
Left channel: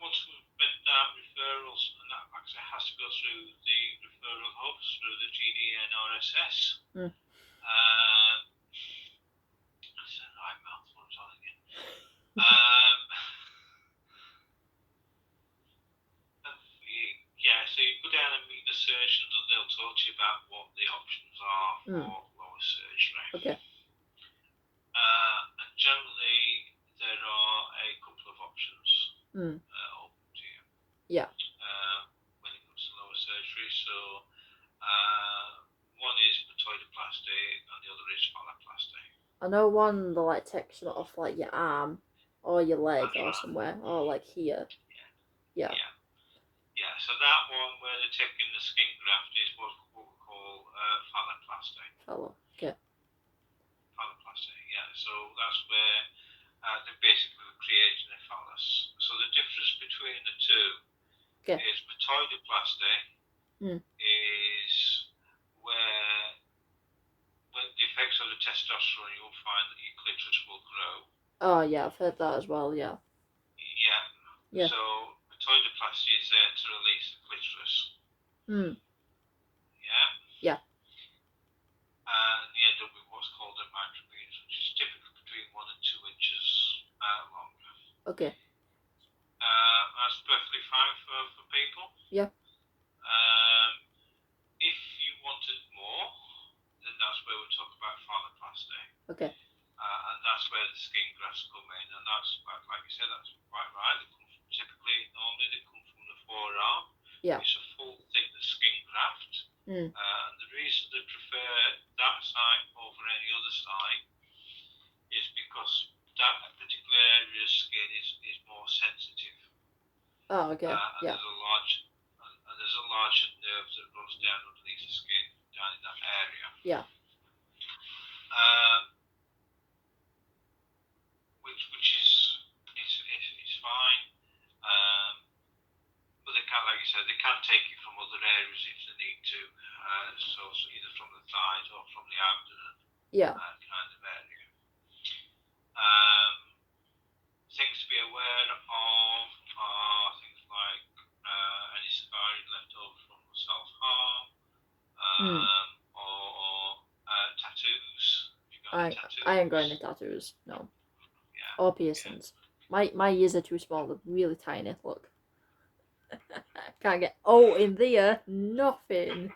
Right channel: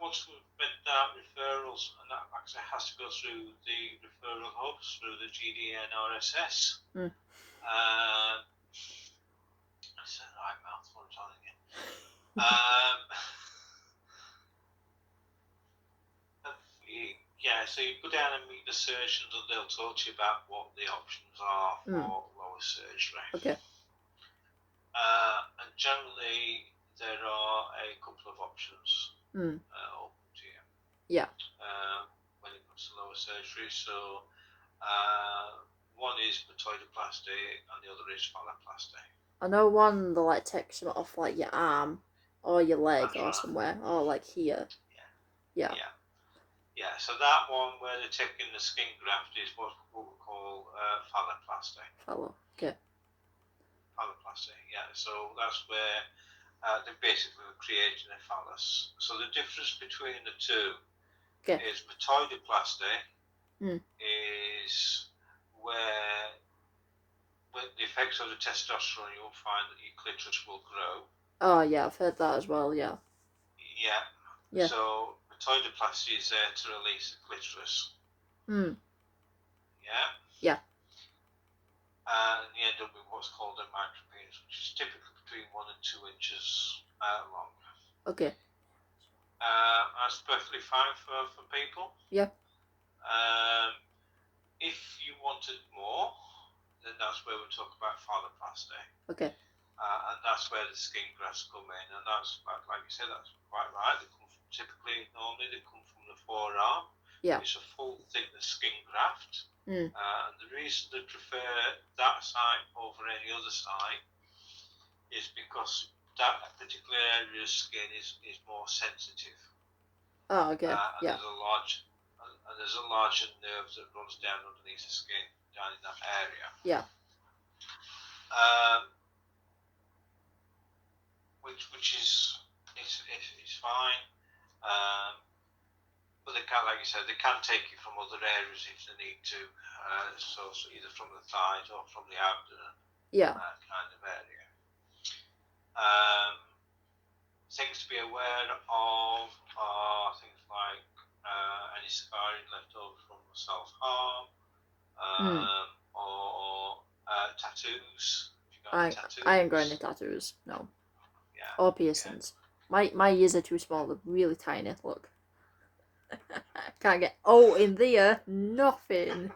once we've made that referrals, and that actually has to go through the referral hubs, through the GDNRSS. I said the right mouthful, I'm telling you. So you go down and meet the surgeons, and they'll talk to you about what the options are for lower surgery. Okay. And generally, there are a couple of options open to you. Yeah. When it comes to lower surgery, so one is patoidoplasty, and the other is phalloplasty. I know one that like takes it off like your arm or your leg or right. somewhere, or like here. Yeah. So that one where they're taking the skin graft is what we call phalloplasty. Okay. Phalloplasty, yeah. So that's where they're basically creating a phallus. So the difference between the two is patoidoplasty is where with the effects of the testosterone, you'll find that your clitoris will grow. Oh yeah, I've heard that as well. Yeah. So patoidoplasty is there to release the clitoris. Yeah. And you end up with what's called a micropenis, which is typically between 1 and 2 inches long. Okay. That's perfectly fine for people. Yeah. If you wanted more, then that's where we talk about phalloplasty. Okay. And that's where the skin grafts come in, and that's like you said, that's quite right. They come from, they come from the forearm. Yeah. It's a full thickness skin graft. And the reason they prefer that site over any other site is because that particular area of skin is more sensitive. Oh, okay. And there's a larger nerve that runs down underneath the skin, down in that area. Yeah. Which is fine. But they can, like you said, they can take you from other areas if they need to. So either from the thighs or from the abdomen. Yeah. Kind of area. Things to be aware of are things like any scarring left over from self-harm, or tattoos. I ain't got any tattoos. No. Yeah. Or piercings. Yeah. My ears are too small. They're really tiny. Look. Can't get. Oh, in there, nothing.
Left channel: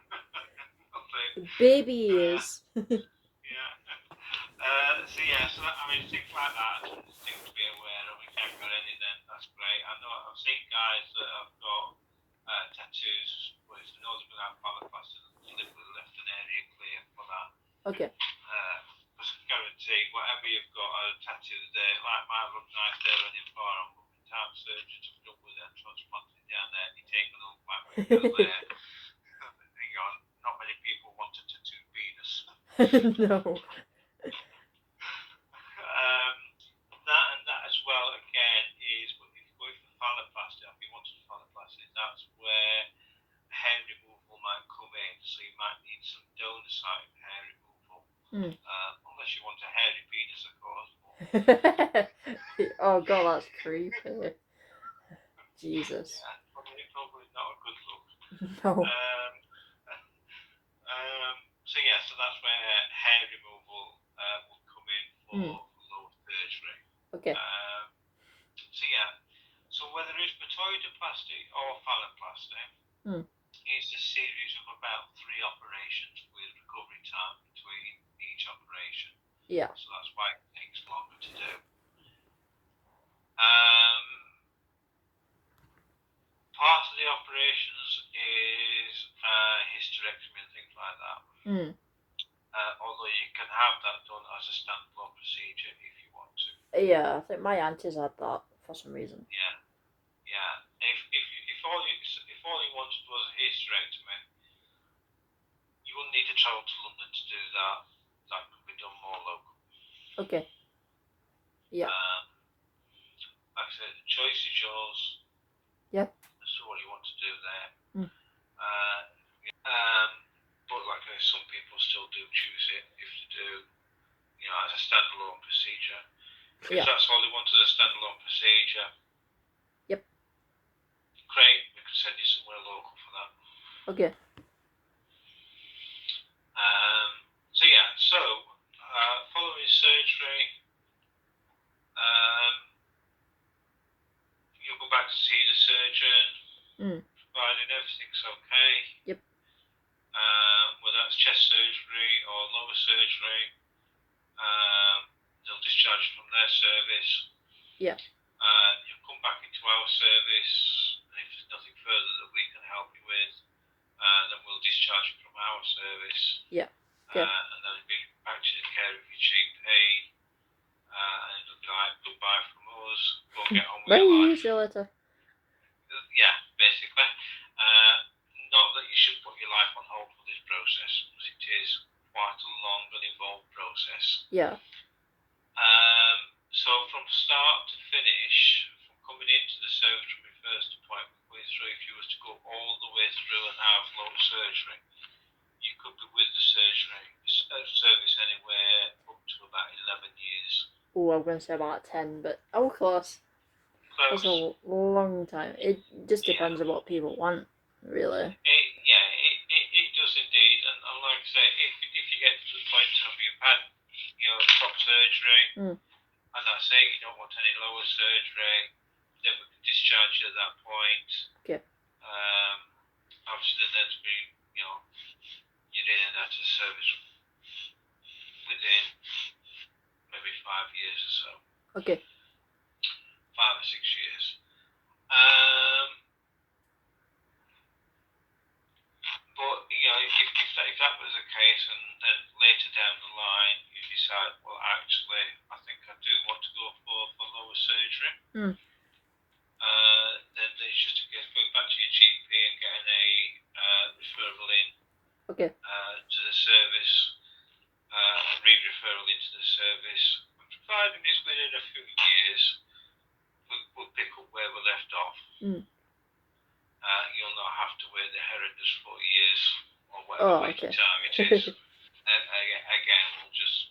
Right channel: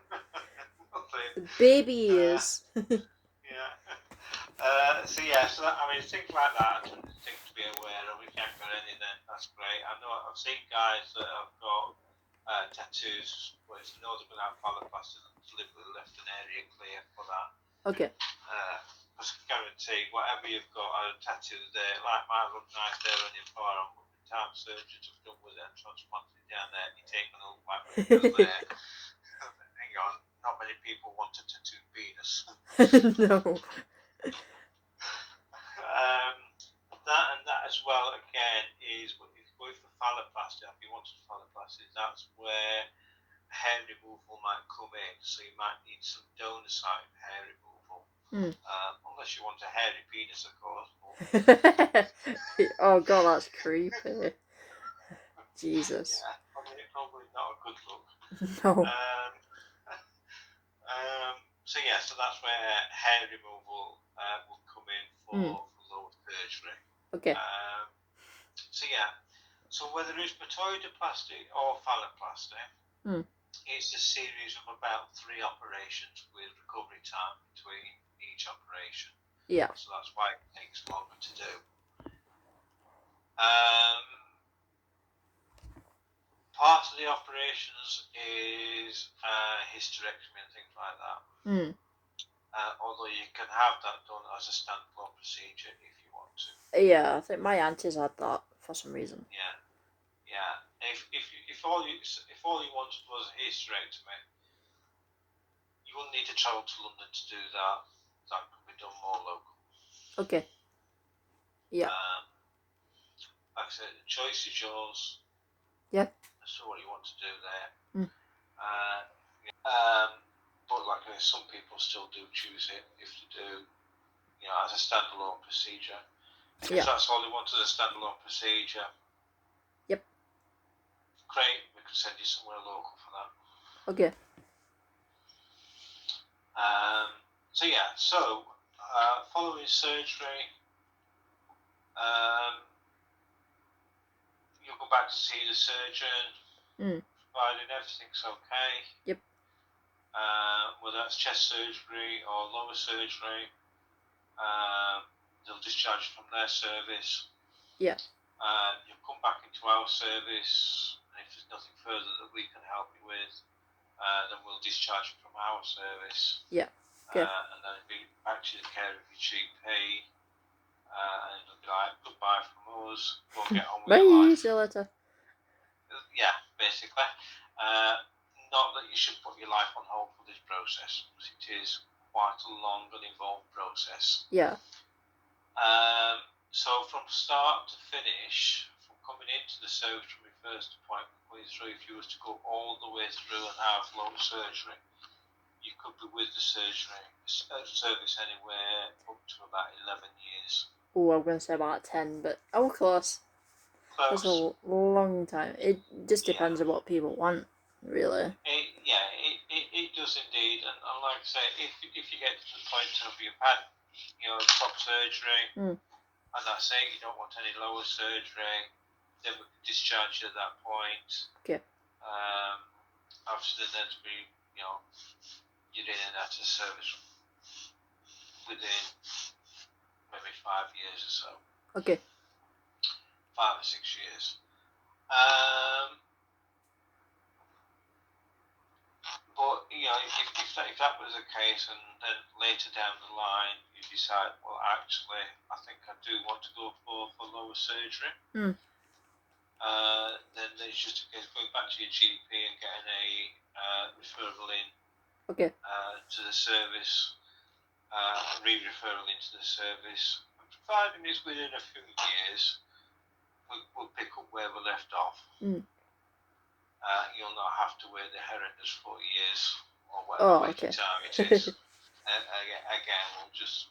Baby ears. So that, I mean, things like that, things to be aware of. If you haven't got any, then that's great. I know I've seen guys that have got tattoos where it's known to be out phalloplasty and deliberately left an area clear for that. Okay. Because I guarantee whatever you've got a tattoo there, like my rub knife there on your forearm, heart surgeons have done with it and transplanted it down there. You take a look back when it was there. Hang on, not many people want a tattooed penis. No. That and that as well again is if you go for phalloplasty, if you wanted phalloplasty, that's where hair removal might come in. So you might need some donor site hair removal, unless you want a hairy penis, of course. Oh god, that's creepy. Jesus. Yeah, probably not a good look. No. So yeah, so that's where hair removal will come in for lower surgery. Okay. So yeah, so whether it's patoidoplasty or phalloplasty, it's a series of about 3 operations with recovery time between each operation. Yeah. So that's why it takes longer to do. Part of the operations is hysterectomy and things like that. Although you can have that done as a standalone procedure if you want to. Yeah, I think my auntie's had that for some reason. Yeah. If all you wanted was a hysterectomy, you wouldn't need to travel to London to do that. That could be done more local. Okay. Yeah. Like I said, the choice is yours. Yeah. As to what you want to do there. But like I said, some people still do choose it if they do, as a standalone procedure. If that's all they want is a standalone procedure. Yep. Great, we could send you somewhere local for that. Okay. So following surgery, you'll go back to see the surgeon, providing everything's okay. Yep. Whether that's chest surgery or lower surgery, they'll discharge from their service. Yeah. You'll come back into our service, and if there's nothing further that we can help you with, then we'll discharge you from our service. Yeah. Okay. And then it'll be back to the care of your GP, and it'll be like goodbye from us. Go get on with Bye. your life. See you later. Yeah, basically. Not that you should put your life on hold for this process, because it is quite a long and involved process. Yeah. So from start to finish, from coming into the service from your first appointment way through, if you was to go all the way through and have lower surgery, you could be with the service anywhere up to about 11 years. Oh, I'm going to say about 10, but close. That's a long time. It just depends on what people want, really. It does indeed. And like I say, if you get to the point of you've had, top surgery, and that's it, you don't want any lower surgery, then we can discharge you at that point. Okay. Obviously, then to be, you're in and out of service within maybe 5 years or so. Okay. 5 or 6 years. But if that was the case, and then later down the line you decide, well, actually, I think I do want to go for lower surgery. Then it's just a case of going back to your GP and getting a referral in. Okay. To the service, re-referral into the service. And providing it's within a few years, we'll pick up where we left off. You'll not have to wait the horrendous 40 years or whatever time it is. Again, we'll just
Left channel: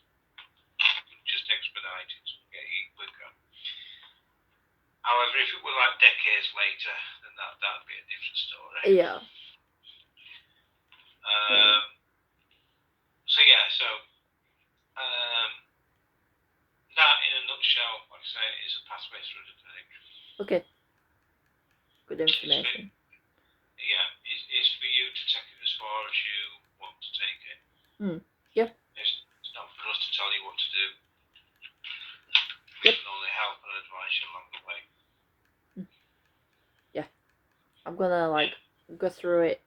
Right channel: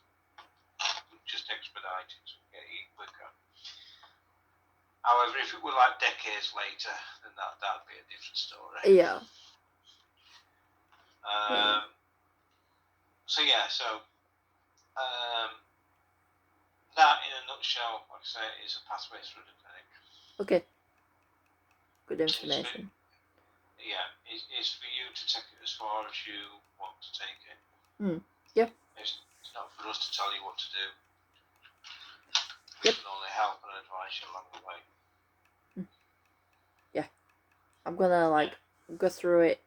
expedite it and get you quicker. However, if it were like decades later, then that'd be a different story. Yeah. That in a nutshell, like I say, is a pathway through the clinic. Okay. Good information. It's for you to take it as far as you want to take it. Yeah. It's not for us to tell you what to do. Yep. We can only help and advise you along the way. Yeah. I'm gonna go through it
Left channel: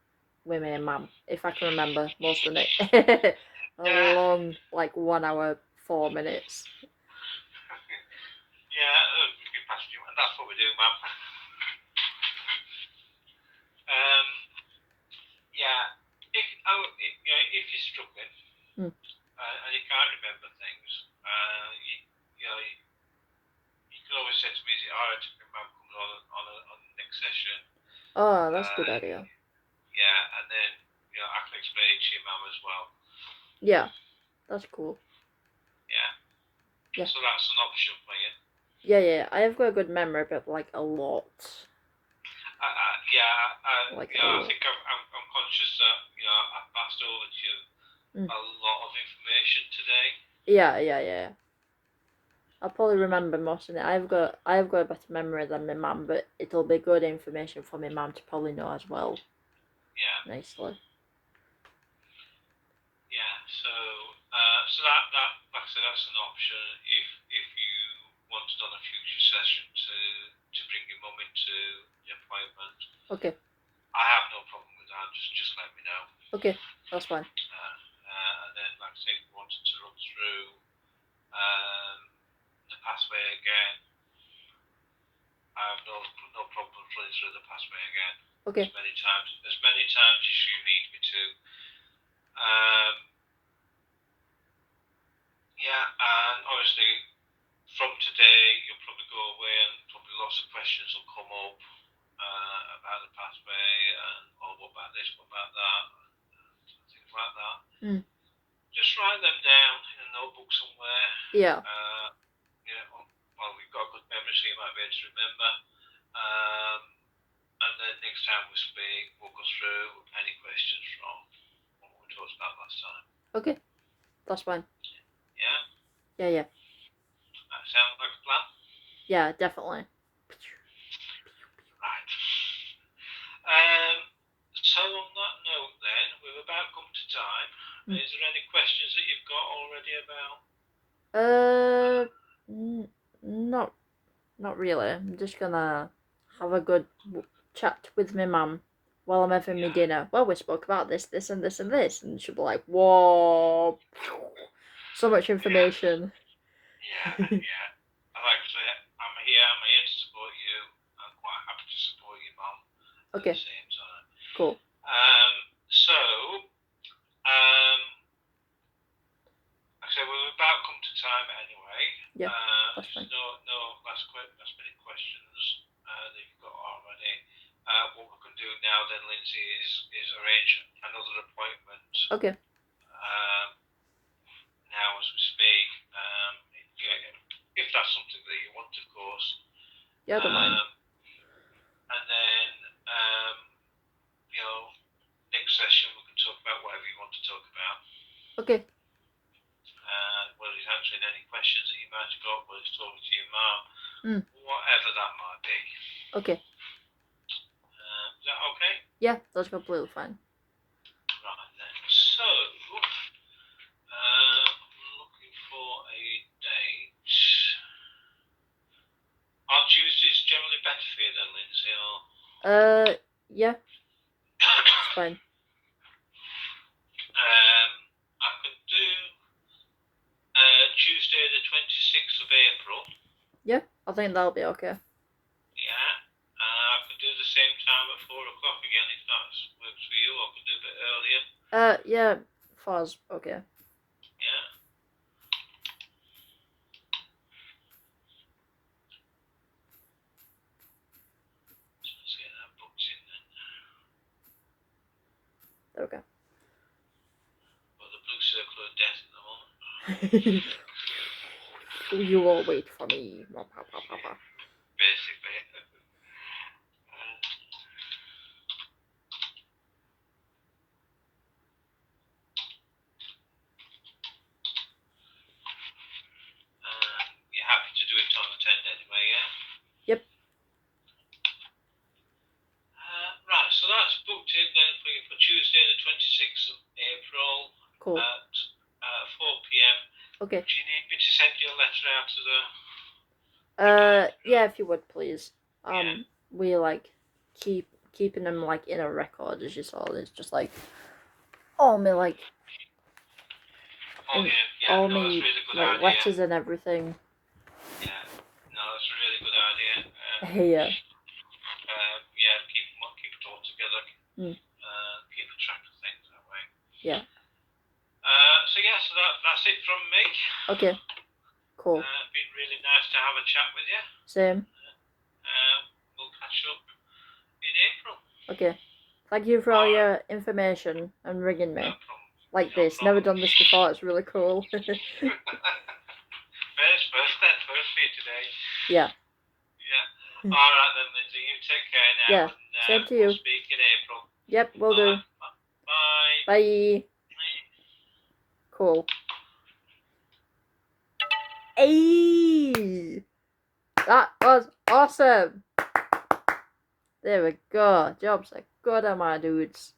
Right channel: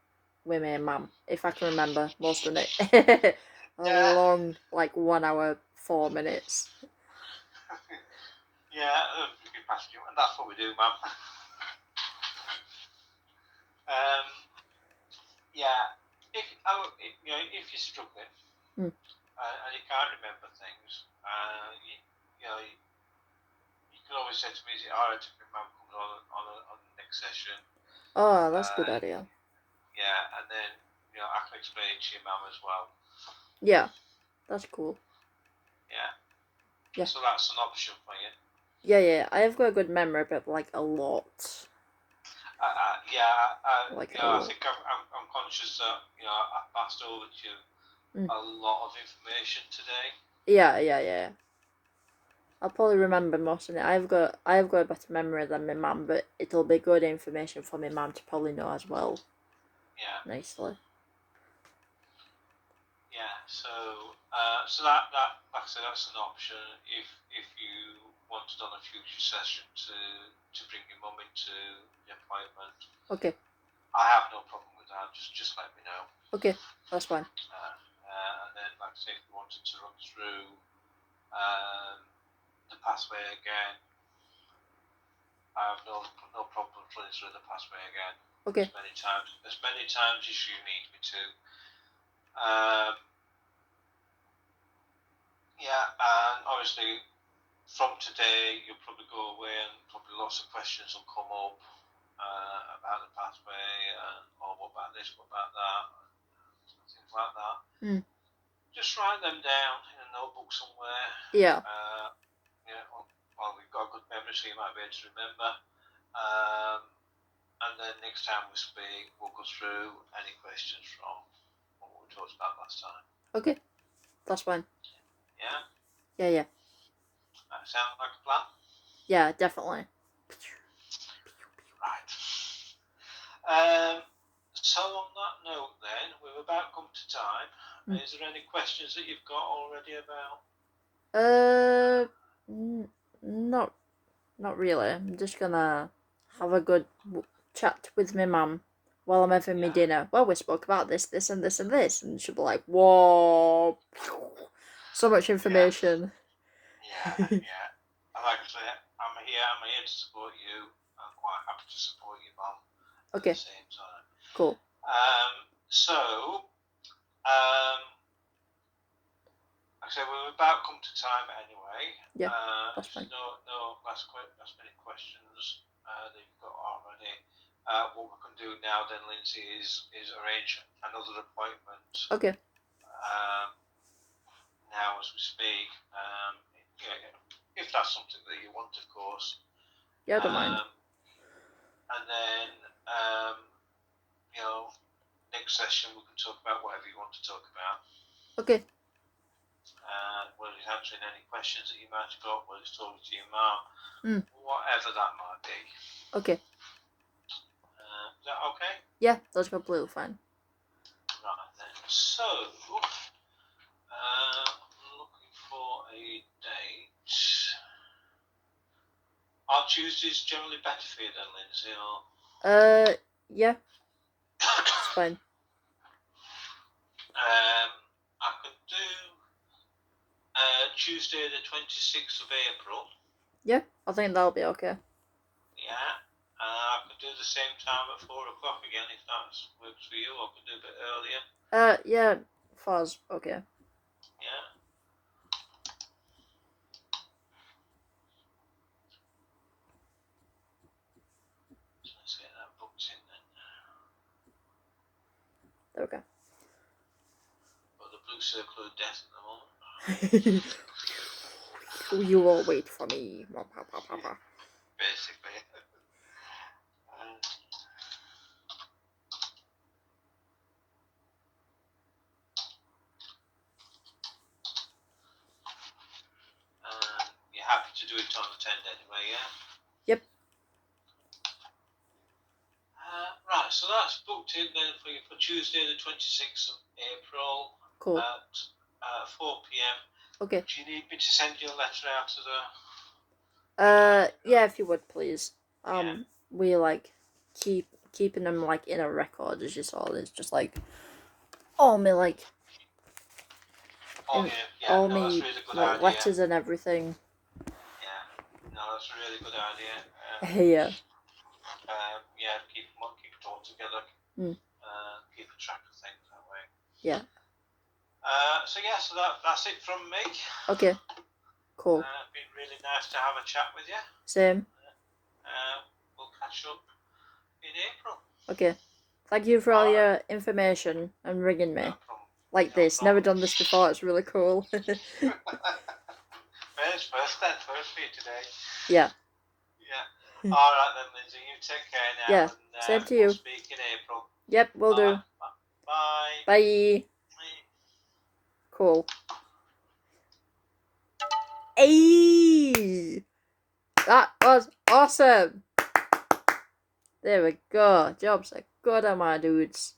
with my mum, if I can remember most of it. A long, 1 hour, 4 minutes. Yeah, we can pass you on that's what we do, man. Yeah, if you're struggling and you can't remember things, you can always say to me, "Is it alright if your mum comes on the next session?" Oh, that's a good idea. Yeah, and then I can explain it to your mum as well. Yeah, that's cool. Yeah. So that's an option for you. Yeah. I have got a good memory, but like a lot. I think I'm conscious that I've passed over to you a lot of information today. Yeah. I'll probably remember most of it. I've got a better memory than my mum, but it'll be good information for my mum to probably know as well. Yeah. Nicely. Yeah. So that like I said, that's an option if you wanted on a future session to bring your mum into the appointment. Okay. I have no problem with that. Just let me know. Okay, that's fine. And then, like I say, if you wanted to run through the pathway again, I have no problem running through the pathway again. Okay. As many times as you need me to. And obviously from today you'll probably go away and probably lots of questions will come up about the pathway and what about this, what about that, and things like that. Just write them down in a notebook somewhere. Yeah. Well, we've got a good memory, so you might be able to remember. And then next time we speak, we'll go through any questions from what we talked about last time. Okay, that's fine. Yeah? Yeah. That sound like a plan? Yeah, definitely. Right. So on that note then, we've about come to time. Is there any questions that you've got already about? Not really. I'm just gonna have a good chat with my mum while I'm having my dinner. Well, we spoke about this, and this, and this, and she'll be like, "Whoa, so much information." Yeah. Like I say, I'm here to support you. I'm quite happy to support your mum at the same time. Cool. Like I said, we're about come to time anyway. Yeah, that's fine. No last minute questions that you've got already. What we can do now then, Lindsay, is arrange another appointment. Okay. Now as we speak, if that's something that you want, of course. Yeah, I don't mind. And then, next session we can talk about whatever you want to talk about. Okay. Whether it's answering any questions that you might have got, whether it's talking to your mum, whatever that might be. Okay. Is that okay? Yeah, that's completely fine. Right then. So, I'm looking for a date. Are Tuesdays generally better for you then, Lindsay? Or? Yeah. It's fine. I could do Tuesday the 26th of April. Yeah, I think that'll be okay. Yeah. I could do the same time at 4 o'clock again if that works for you. I could do a bit earlier. Yeah, 4's okay. Yeah. So let's get that booked in then. Okay. Got the blue circle of death at the moment. You will wait for me. Basically. You're happy to do it on the 10 anyway, yeah? Yep. Right, so that's booked in then for you for Tuesday the 26th of April. Cool. At 4 p.m. Okay. Do you need me to send you a letter out to the... Yeah, if you would, please. We like keeping them like in a record as you saw. It's just like all me like all me really like idea. letters and everything. Yeah, no, that's a really good idea. Yeah. Yeah, keep it all together. Keep a track of things that way. Yeah. So that's it from me. Okay. Cool. Been really nice to have a chat with you. Same. We'll catch up in April. Okay. Thank you for all your information and ringing me. No problem. Like No this. problem. Never done this before. It's really cool. First for you today. Yeah. Yeah. All right then, Lindsay. You take care now. Yeah. And, Same to you. We'll speak in April. Yep, will do. Bye. Bye. Cool. Hey! That was awesome! There we go. Jobs are good on my dudes.